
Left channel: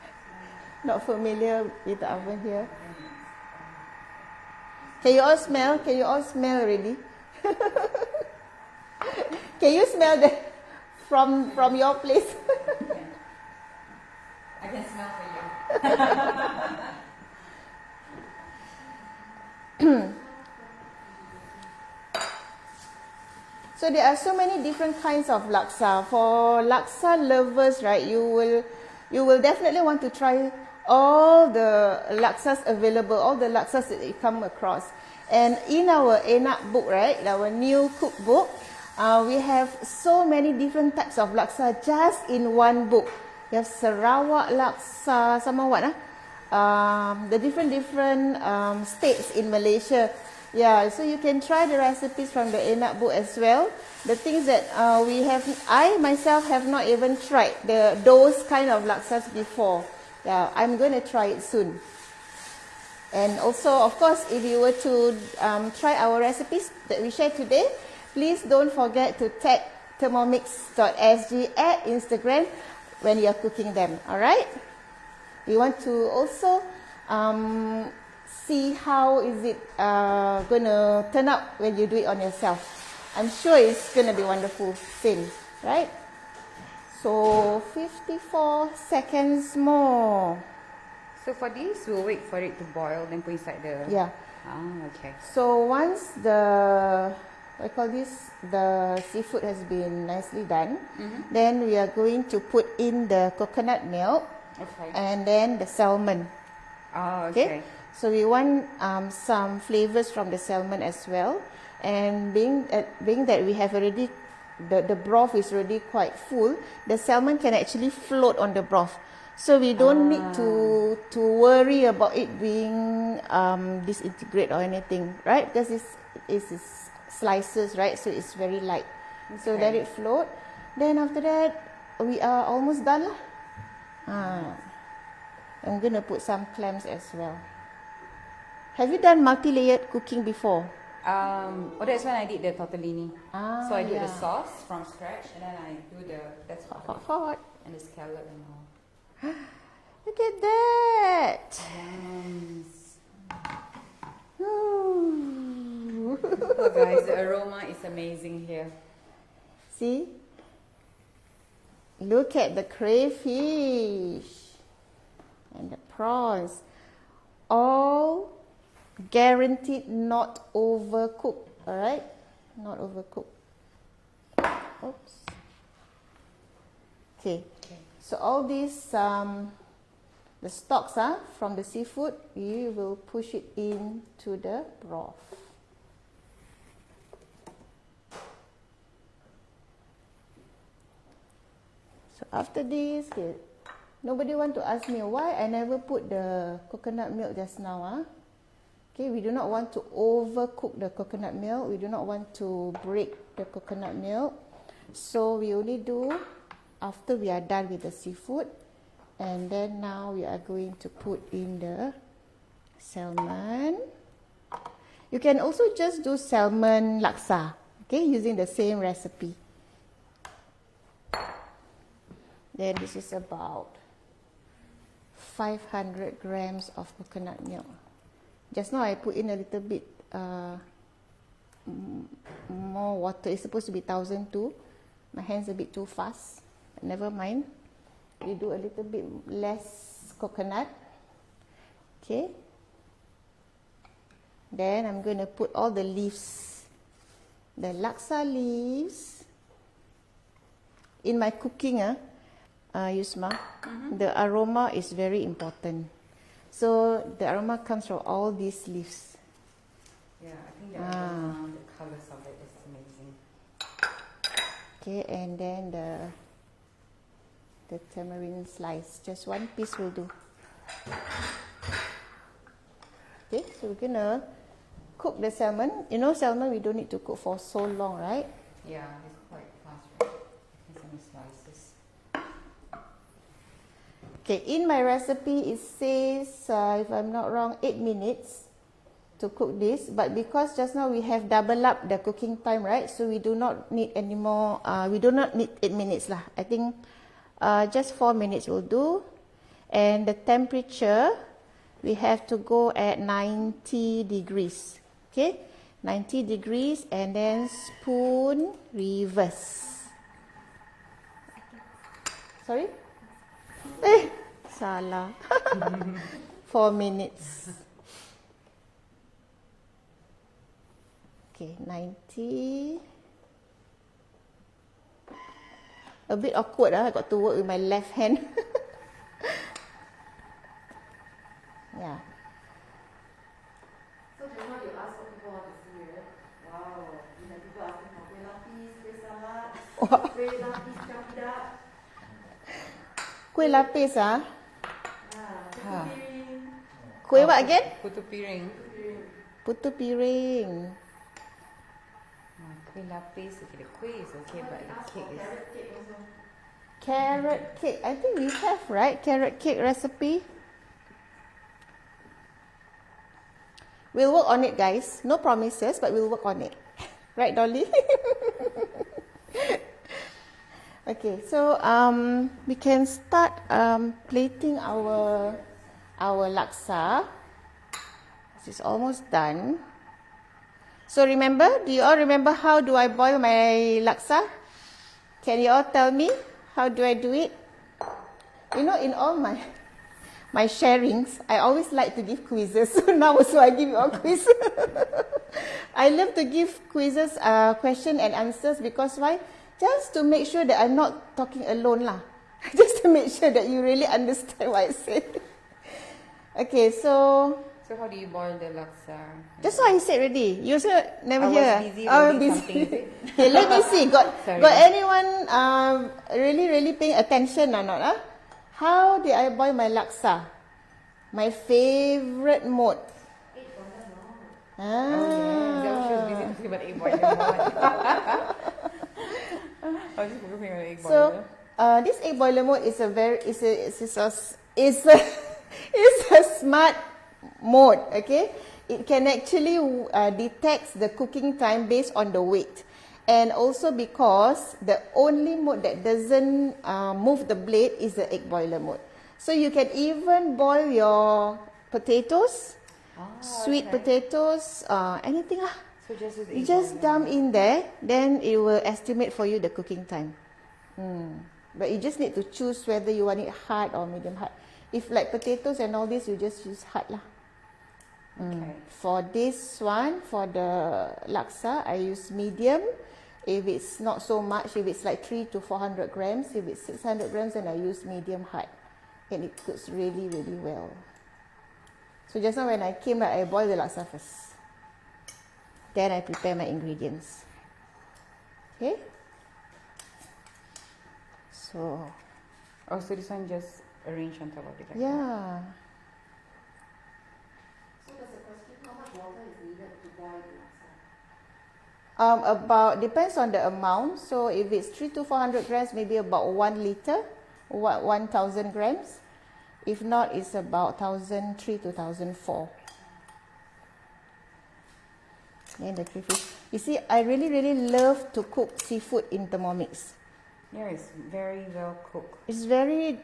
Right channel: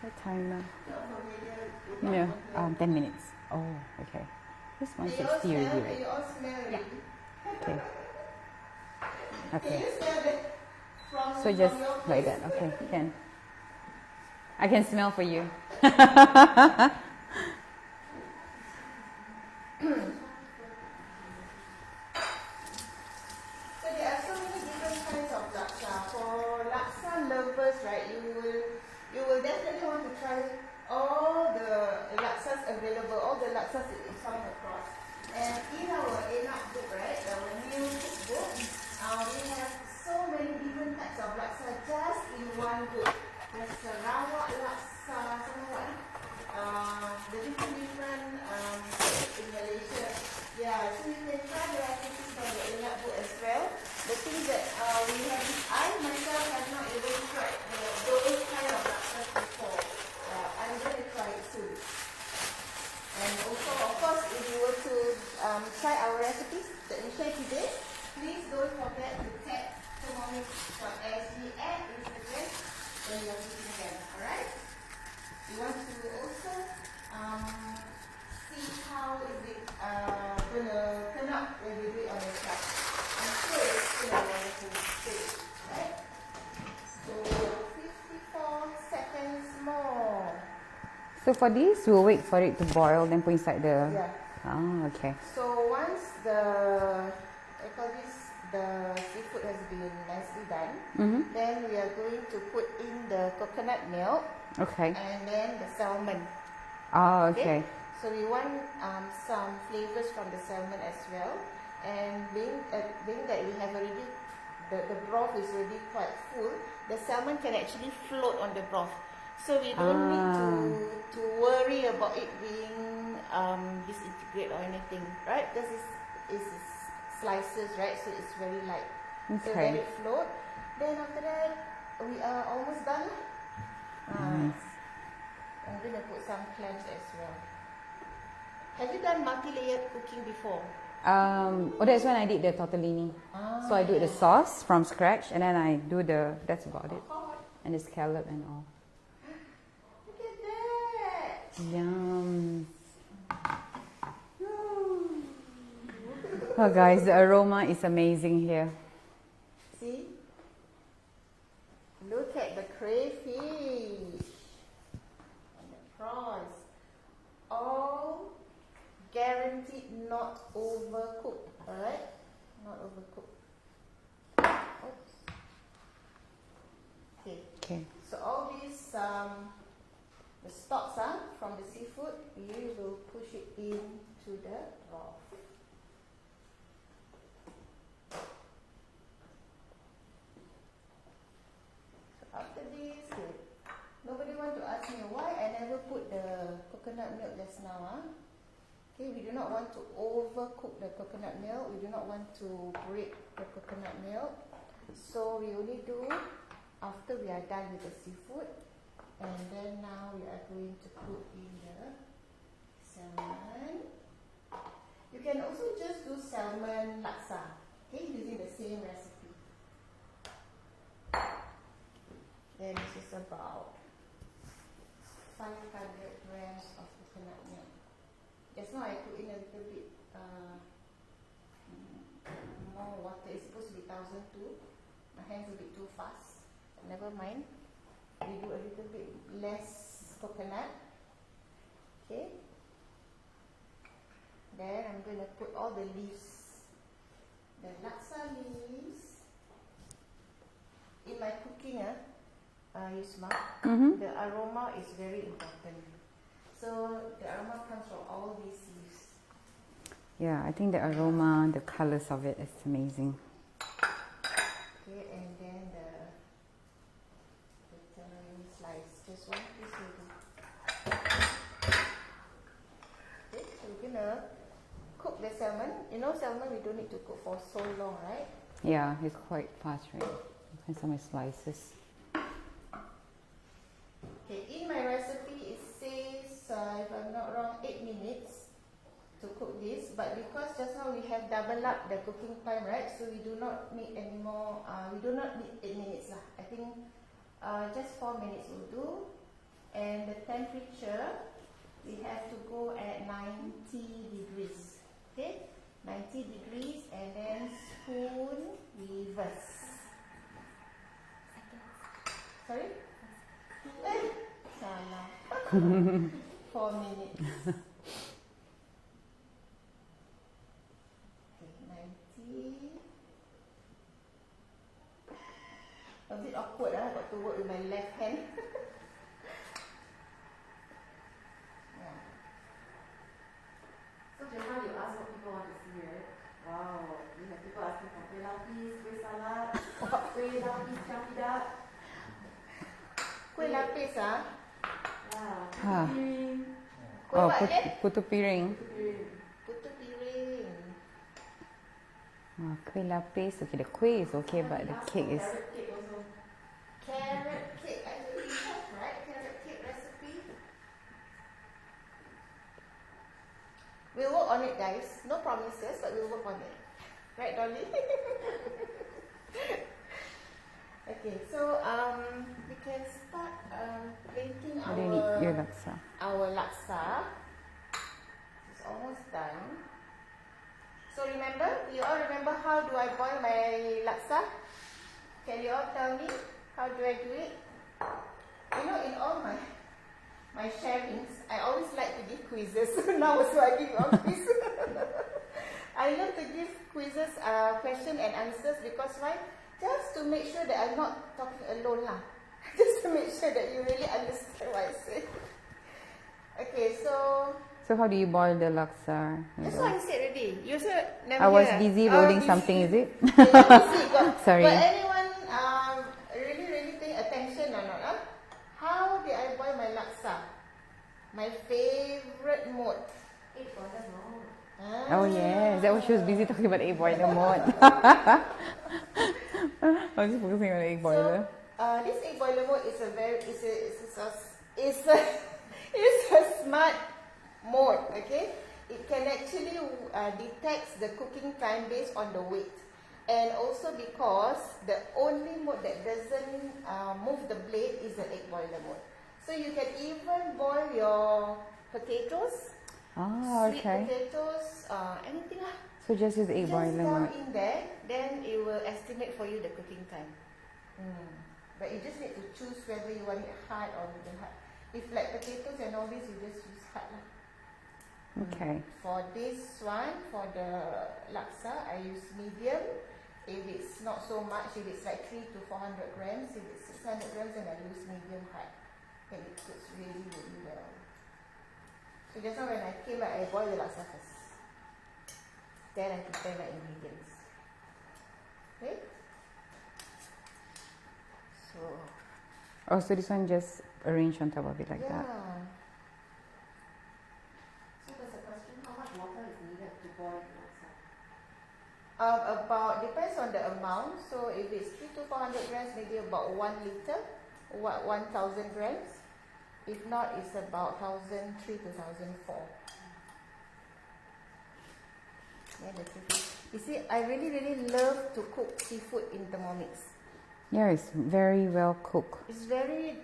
What timer? Not familiar with the oven here. 10 minutes. Oh, okay. Can you all smell? Can you all smell already? Okay. Can you smell the from So your place? Like okay, can. I can smell for you. So there are so many different kinds of laksa. For laksa lovers, right, you will definitely want to try all the laksas available, all the laksas that you come across. And in our enak book, right, our new cookbook, we have so many different types of laksa just in one book. You have Sarawak laksa, sama what? The different states in Malaysia. Yeah, so you can try the recipes from the enak book as well. The things that I myself have not even tried those kind of laksas before. Yeah, I'm going to try it soon. And also, of course, if you were to try our recipes that we share today, please don't forget to tag thermomix.sg at Instagram when you're cooking them. Alright? We want to also see how is it going to turn out when you do it on yourself. I'm sure it's going to be wonderful thing, right? So 54 seconds more. So for this, we'll wait for it to boil, then put inside the... Yeah. Oh, okay. So once the seafood has been nicely done, then we are going to put in the coconut milk. Okay. And then the salmon. Oh, okay. So we want some flavors from the salmon as well. And being that we have already, the broth is already quite full, the salmon can actually float on the broth. So we don't need to worry about it being disintegrate or anything, right? Because it's slices, right? So it's very light. Okay. So let it float. Then after that, we are almost done. I'm going to put some clams as well. Have you done multi-layered cooking before? That's when I did the tortellini. So I do the sauce from scratch, and then I do that's about it. Hot. And the scallop and all. Look at that! Yum. Oh guys, the aroma is amazing here. See? Look at the crayfish and the prawns. All guaranteed not overcooked, alright? Not overcooked. Oops. Okay. So all these, the stalks from the seafood, we will push it into the broth. So after this, nobody want to ask me why I never put the coconut milk just now. Okay, we do not want to overcook the coconut milk. We do not want to break the coconut milk. So we only do after we are done with the seafood. And then now we are going to put in the salmon. You can also just do salmon laksa, okay, using the same recipe. Then this is about 500 grams of coconut milk. Just now I put in a little bit more water. It's supposed to be 1,002. My hand's a bit too fast. Never mind. We do a little bit less coconut. Okay. Then I'm going to put all the leaves, the laksa leaves. In my cooking, Yusma, the aroma is very important. So the aroma comes from all these leaves. Yeah, I think the aroma, the colors of it is amazing. Okay, and then the tamarind slice, just one piece will do. Okay, so we're gonna cook the salmon. You know, salmon we don't need to cook for so long, right? Yeah, it's quite fast, right? And some slices. Okay, in my recipe it says, if I'm not wrong, 8 minutes to cook this. But because just now we have double up the cooking time, right? So we do not need any more, we do not need 8 minutes lah. I think just 4 minutes will do. And the temperature, we have to go at 90 degrees. Okay, 90 degrees and then spoon reverse. Sorry? Salah. 4 minutes. Okay, 90. A bit awkward, I got to work with my left hand. Yeah. So just now you asked what people want to see, right? Wow, you have people asking for kueh lapis, kueh salad, kueh lapis campur. Kueh lapis, ah? Putu piring. Kueh what again? Putu piring. Putu piring. Kueh lapis. Okay, the kueh is okay, but the cake is. Carrot cake also. Carrot cake. I think we have, right? Carrot cake recipe. We'll work on it, guys. No promises, but we'll work on it. Right, Dolly? Okay, so we can start plating our laksa. This is almost done. So remember, do you all remember how do I boil my laksa? Can you all tell me how do I do it? You know, in all my sharings, I always like to give quizzes. So now also I give you all quiz. I love to give quizzes, question and answers because why? Just to make sure that I'm not talking alone lah. Just to make sure that you really understand what I say. Okay, so how do you boil the laksa? that's what I said already. You also never I hear. was busy loading something, is it? Okay, let me see. Got anyone really paying attention or not? How did I boil my laksa? My favorite mode. Oh yes, that was she was busy talking about egg boiler mode. I'm just focusing on the egg boiler. So this egg boiler mode is a smart mode. Okay, it can actually detect the cooking time based on the weight, and also because the only mode that doesn't move the blade is the egg boiler mode. So you can even boil your potatoes. Sweet potatoes, anything lah. So just use the egg just boiler dump mode. in there, then it will estimate for you the cooking time. But you just need to choose whether you want it hard or medium hard. If like potatoes and all this, you just use hard lah. Okay. For this one, for the laksa, I use medium. If it's not so much, if it's like 300 to 400 grams, if it's 600 grams, then I use medium hard. And it cooks really, really well. So just now when I came, I boil the laksa first. Then I prepare my ingredients. Okay? So. Oh, so this one just arrange on top of it like that? Yeah. So there's a question, how much water is needed to boil the laksa? About, depends on the amount. So if it's 300 to 400 grams, maybe about 1 liter, 1,000 grams. If not, it's about 1,003 to 1,004. And the crayfish. You see, I really love to cook seafood in Thermomix. Yeah, it's very well cooked. It's very,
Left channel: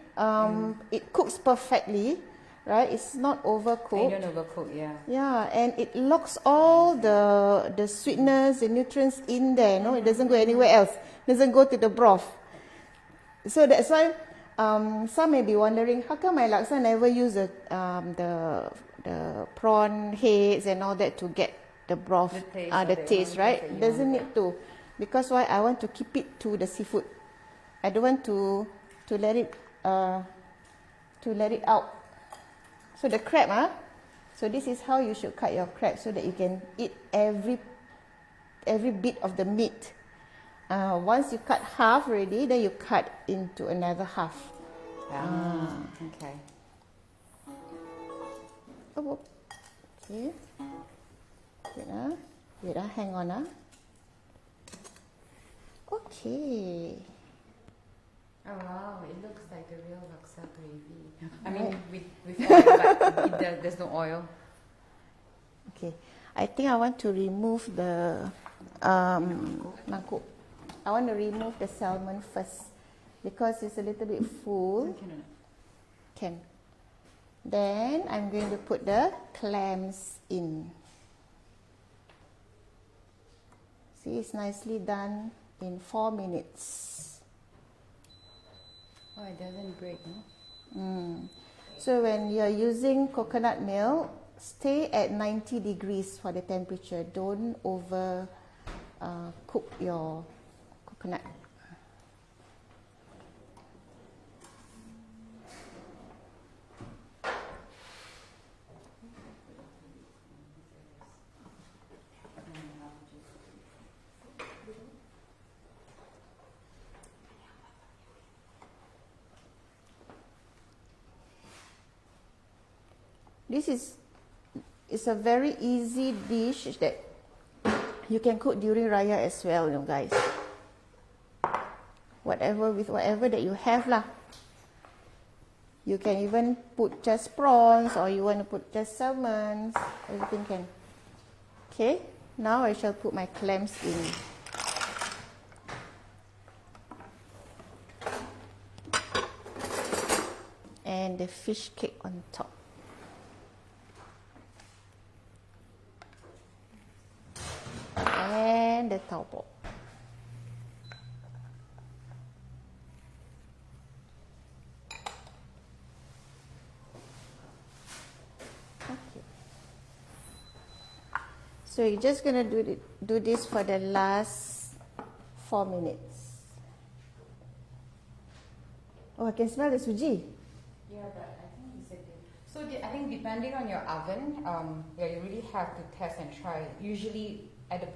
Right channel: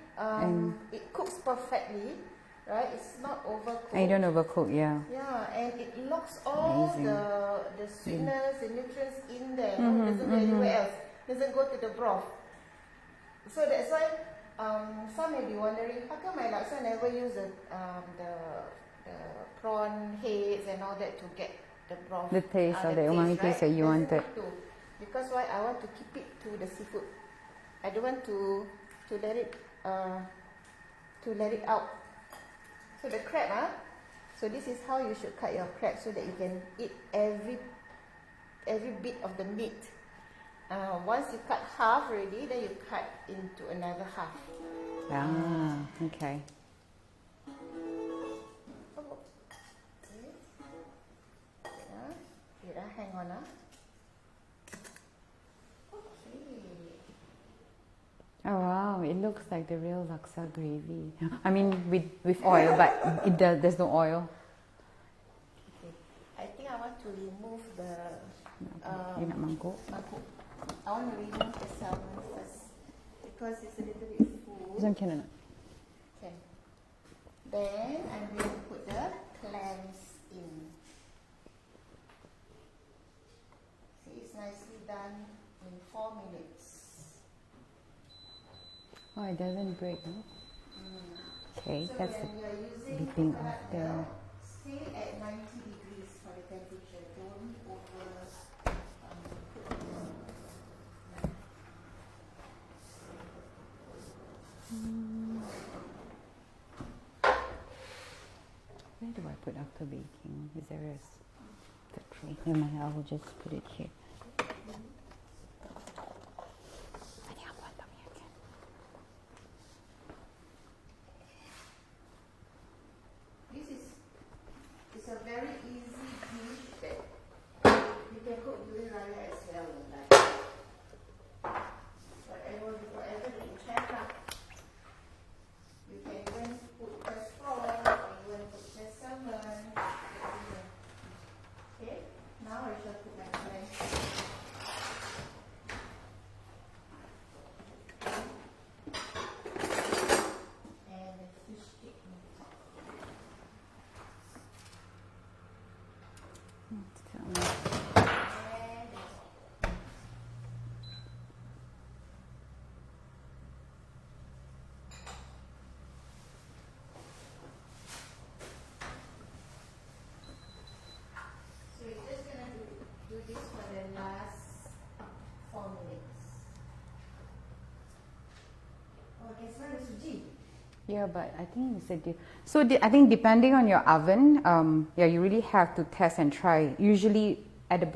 it cooks perfectly, right? It's not overcooked. And you don't overcook, yeah. Yeah, and it locks all the sweetness, the nutrients in there. No, it doesn't go anywhere else. It doesn't go to the broth. So that's why some may be wondering, how come my laksa never use the prawn heads and all that to get the broth, the taste, right? That you doesn't wanted. need to, because why? I want to keep it to the seafood. I don't want to let it out. So the crab, so this is how you should cut your crab so that you can eat every bit of the meat. Once you cut half already, then you cut into another half. Okay. Oh, okay. Wait, hang on. Okay. Oh wow, it looks like the real laksa gravy. I mean with oil, but there's no oil. Okay, I think I want to remove the mangkuk. I want to remove the salmon first because it's a little bit full. Can or not? Can. Then I'm going to put the clams in. See, it's nicely done in 4 minutes. Oh, it doesn't break, no? Okay. So when you're using coconut milk, stay at 90 degrees for the temperature. Don't over cook your coconut. Where do I put after baking? Is there a tray? Never mind, I will just put it here. It's a very easy dish that you can cook during Raya as well, you know, guys. Whatever that you have lah. You can even put just prawns, or you want to put just salmon. Everything can. Okay, now I shall put my clams in. And the fish cake on top. And the taupo. So you're just gonna do this for the last 4 minutes. Oh, I can smell the suji. Yeah, but I think it's a so I think depending on your oven, yeah, you really have to test and try. Usually,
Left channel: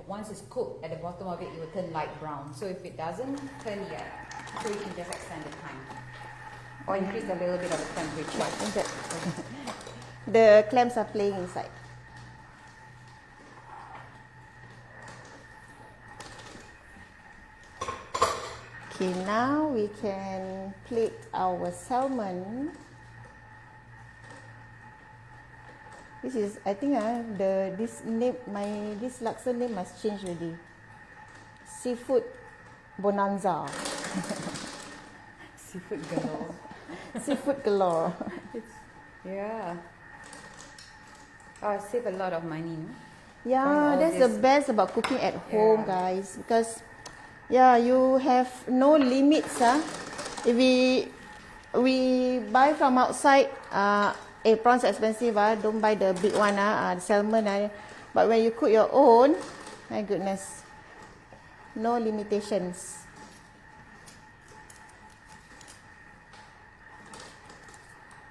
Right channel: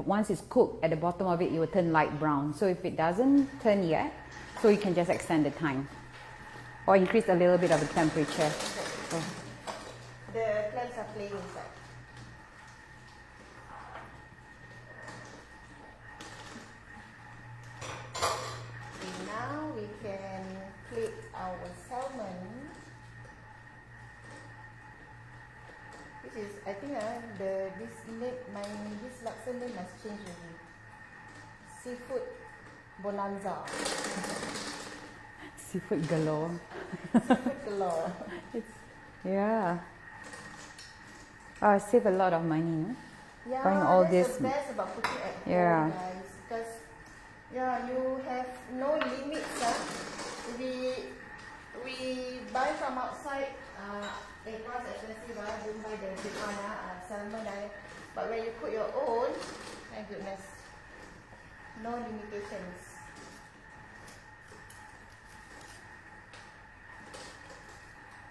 once it's cooked, at the bottom of it, it will turn light brown. So if it doesn't turn yet, so you can just extend the time or increase a little bit of the temperature. The clams are playing inside. Okay, now we can plate our salmon. This is, I think, this laksa name must change already. Seafood Bonanza. Seafood galore. Seafood galore. Yeah. Save a lot of money. Yeah, that's the best about cooking at home, guys, because you have no limits. If we buy from outside, prawns expensive. Don't buy the big one. The salmon. But when you cook your own, my goodness, no limitations.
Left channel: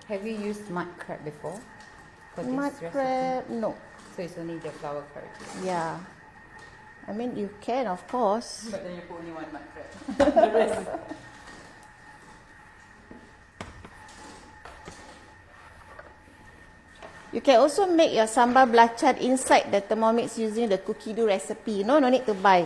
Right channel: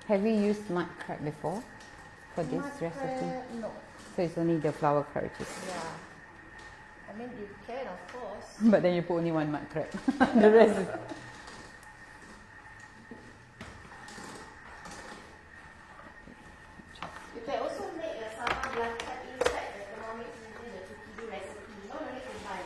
Have you used mud crab before for this recipe? Mud crab, no. So it's only the flour curate. Yeah. I mean, you can, of course. But then you put only one mud crab. The rest. You can also make your sambal belacan inside the Thermomix using the cookie dough recipe. No need to buy.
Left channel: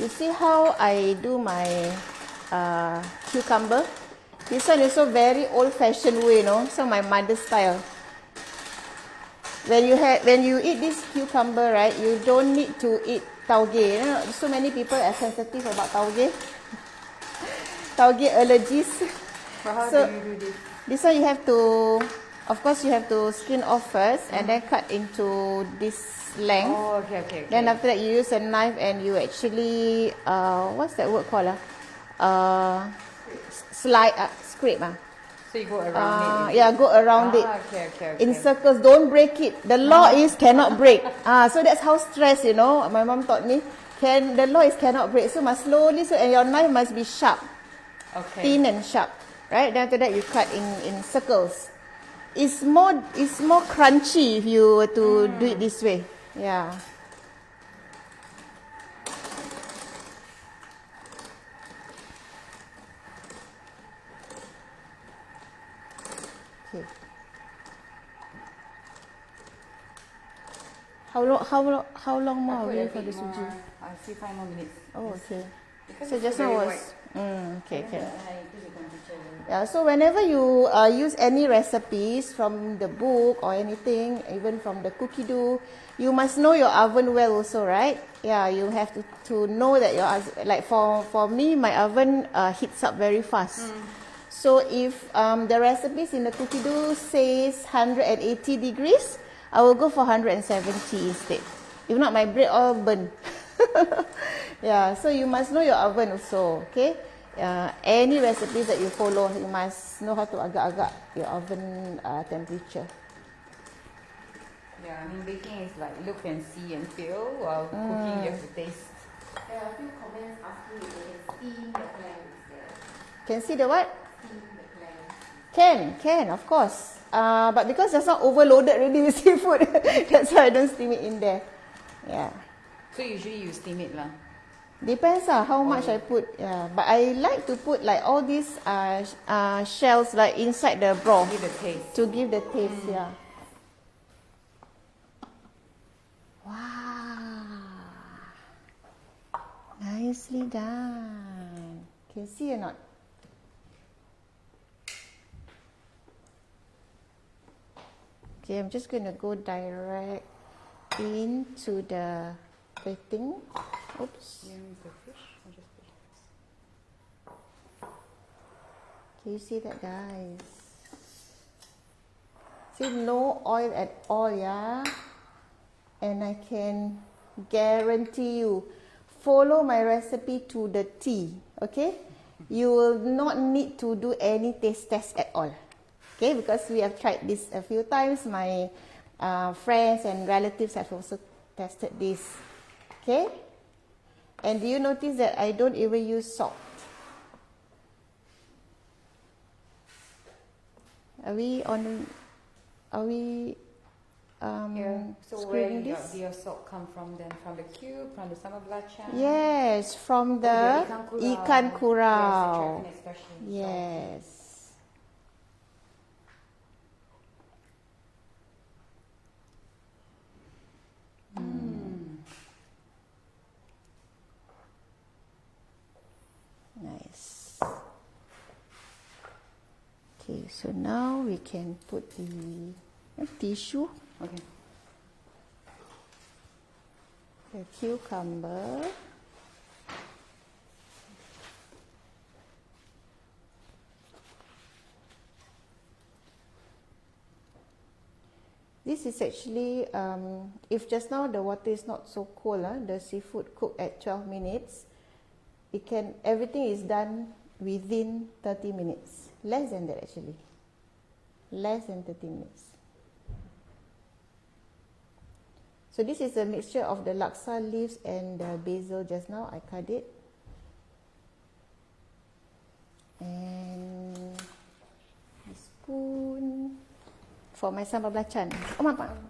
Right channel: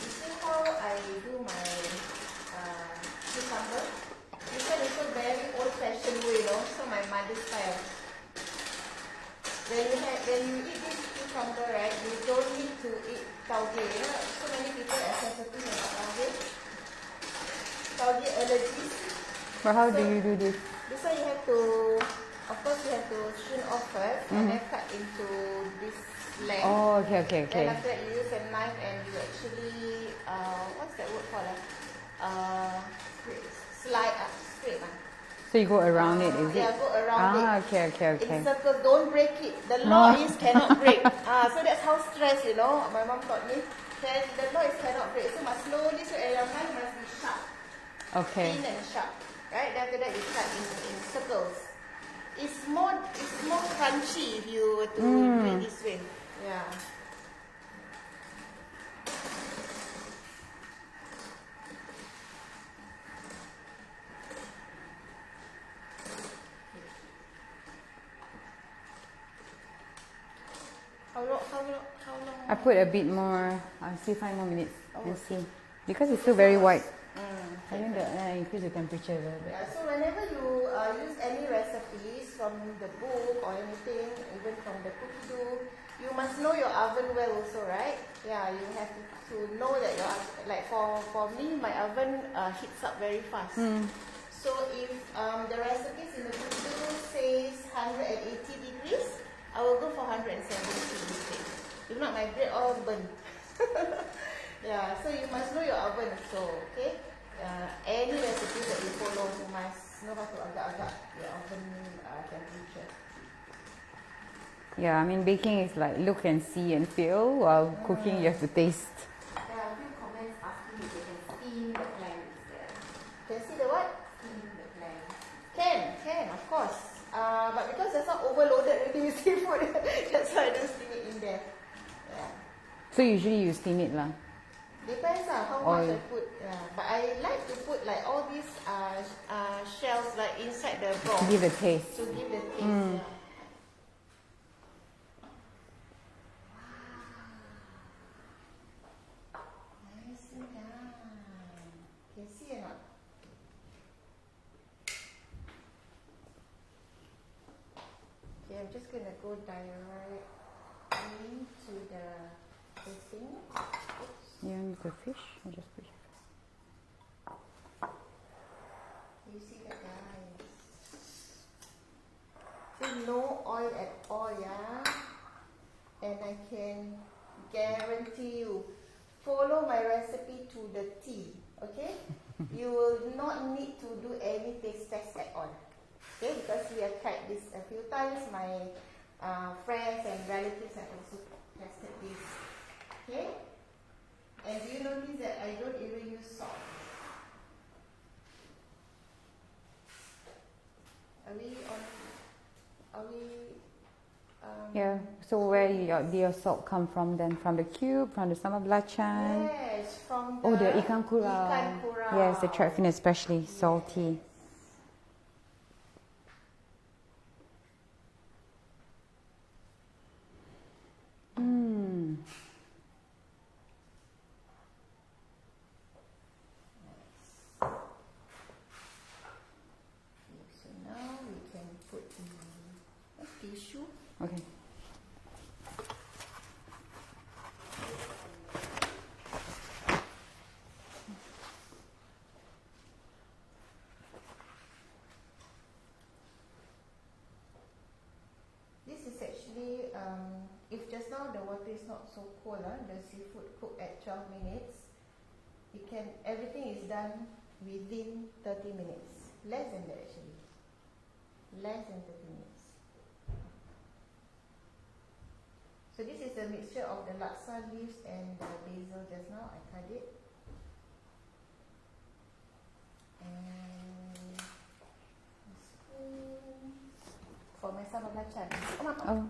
You see how I do my cucumber? This one is also very old-fashioned way, so my mother's style. When you eat this cucumber, right, you don't need to eat tauge. So many people are sensitive about tauge. Tauge allergies. But how do you do this? This one you have to, of course, you have to skin off first and then cut into this length. Oh, okay. Then after that you use a knife and you actually, what's that word called? Scrape. So you go around it? Yeah, go around it. Okay. In circles, don't break it. The law is cannot break. So that's how stress, my mom taught me. The law is cannot break. So must slowly, and your knife must be sharp. Okay. Thin and sharp. Right? Then after that you cut in circles. It's more crunchy if you were to do it this way. Yeah. Okay. How long more? I put a will bit you have the more. suji? I'll see 5 more minutes. Let's see. Because So it's still just now very was- white. Okay, And okay. then I increase the temperature a little bit. Yeah, so whenever you use any recipes from the book or anything, even from the cookie dough, you must know your oven well also, right? Yeah, you have to know that your like for me, my oven heats up very fast. So if the recipes in the cookie dough says 180 degrees, I will go for 170 instead. If not, my bread all burn. Yeah, so you must know your oven also, okay? Any recipes that you follow, you must know how to agak-agak your oven temperature. Yeah, I mean baking is like look and see and feel, while cooking you have to taste. There are a few comments asking if they can steam the plank instead. Can see the what? Steam the plank. Can, of course. But because it's not overloaded already with seafood, that's why I don't steam it in there. Yeah. So usually you steam it lah. Depends how much I put. Yeah, but I like to put like all these shells like inside the broth To give it taste. to give the taste. Yeah. Wow, nicely done. Can see or not? Okay, I'm just gonna go direct into the thing. Oops. Yeah, with the fish. I'll just put it. Can you see that, guys? See, no oil at all, yeah? And I can guarantee you, follow my recipe to the T, okay? You will not need to do any taste test at all, okay? Because we have tried this a few times. My friends and relatives have also tested this, okay? And do you notice that I don't even use salt? Are we on? Are we? Yeah. So where your salt come from then? From the cube, from the sambal belacan? Yes, from the, the ikan kurau. ikan kurau. Yes, the trout fin especially salty. Yes. Nice. Okay, so now we can put the tissue, Okay. the cucumber. This is actually, if just now the water is not so cold, the seafood cooked at 12 minutes, everything is done within 30 minutes. Less than that actually. Less than 30 minutes. So this is a mixture of the laksa leaves and the basil just now. I cut it. And a spoon for my sambal belacan. Oh,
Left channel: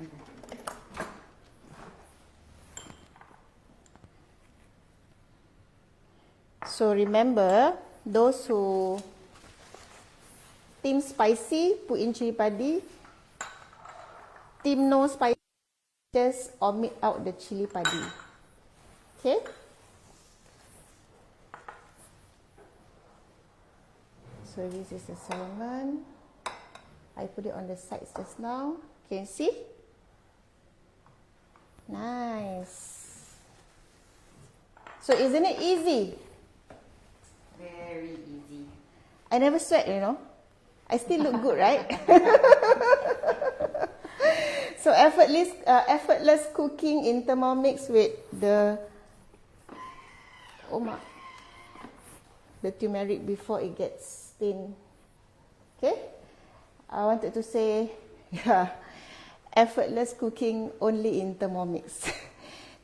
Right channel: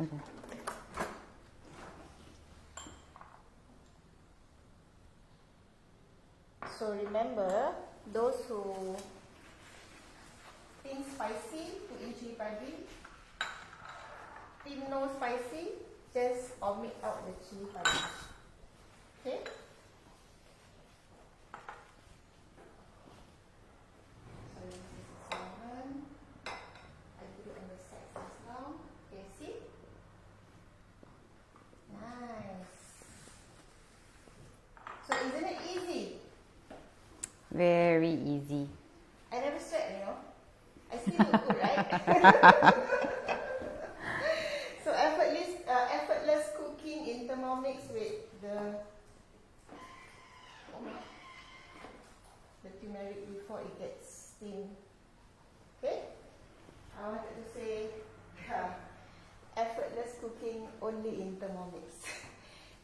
Okay. So remember, those who team spicy, put in chili padi. Team no spicy, just omit out the chili padi. Okay? So this is the salmon. I put it on the sides just now. Can you see? Nice. So isn't it easy? Very easy. I never sweat, you know. I still look good, right? So effortless cooking in Thermomix with the turmeric before it gets stained. Okay? I wanted to say, yeah, effortless cooking only in Thermomix.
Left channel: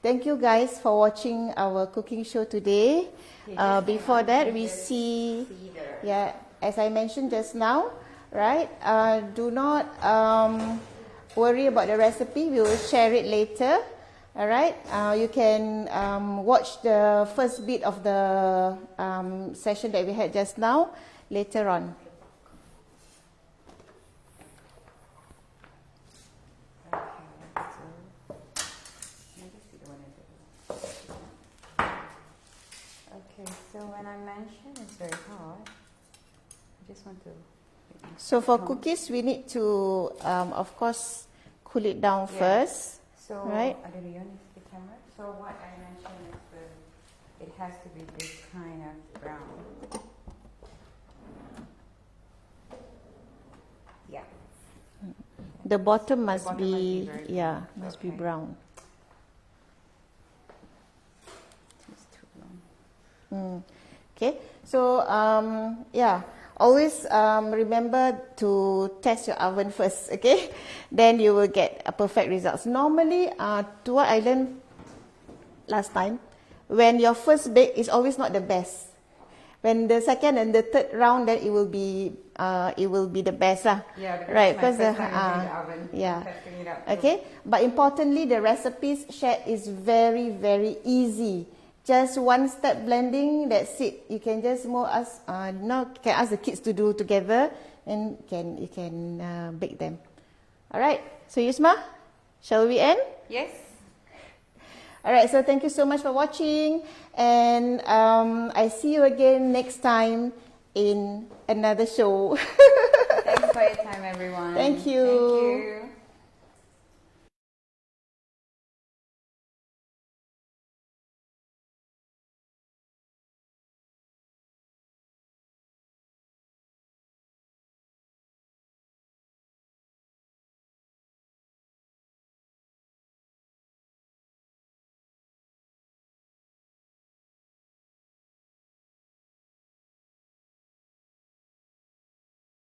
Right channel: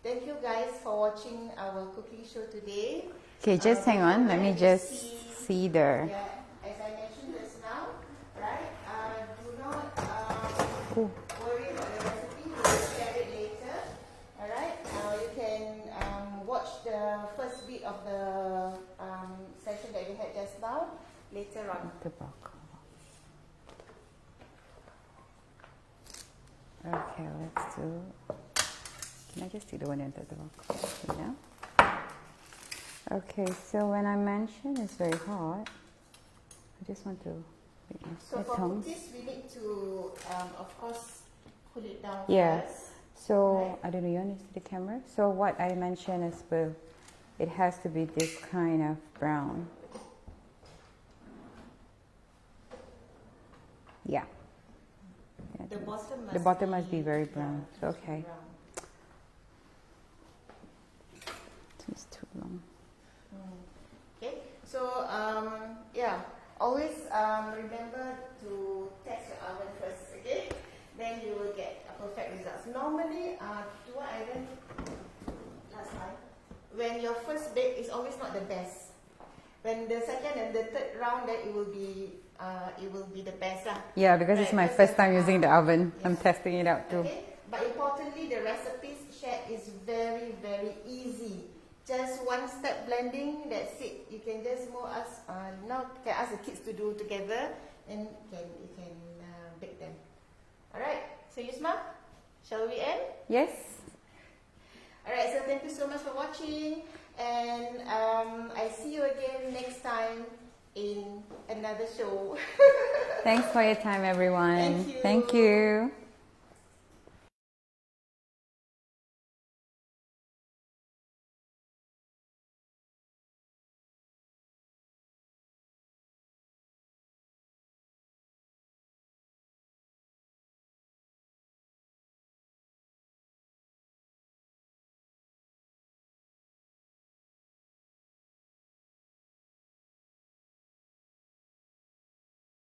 Thank you guys for watching our cooking show today. Okay, just hang before on. that, Let me we just see there. Yeah, as I mentioned just now, right? Do not worry about the recipe. We will share it later. All right. You can watch the first bit of the session that we had just now later on. Okay, let's do. Can I just do the one at the bottom? Yeah. Okay, so when I mention it's very hot, I just want to. So for cookies, we need to, of course, cool it down first. So right? I don't know, you want to see the camera? So what I mentioned is it has to be this kind of brown. Yeah. The bottom must be very brown. Yeah, must be brown. It's too long. Okay, so yeah, always remember to test your oven first, okay? Then you will get a perfect results. Normally, to what I learned last time, when your first bake is always not the best. When the second and the third round, then it will be the best lah. Yeah, because it's my first time using the oven. Yeah. I'm testing it out too. Okay, but importantly, the recipes shared is very, very easy. Just one step blending, that's it. You can just more ask, now can ask the kids to do together, and you can bake them. All right. So Yusma, shall we end? Yes. All right. So thank you so much for watching, and I see you again next time in another show. Thanks for your time, everyone. Thank you. Thank you.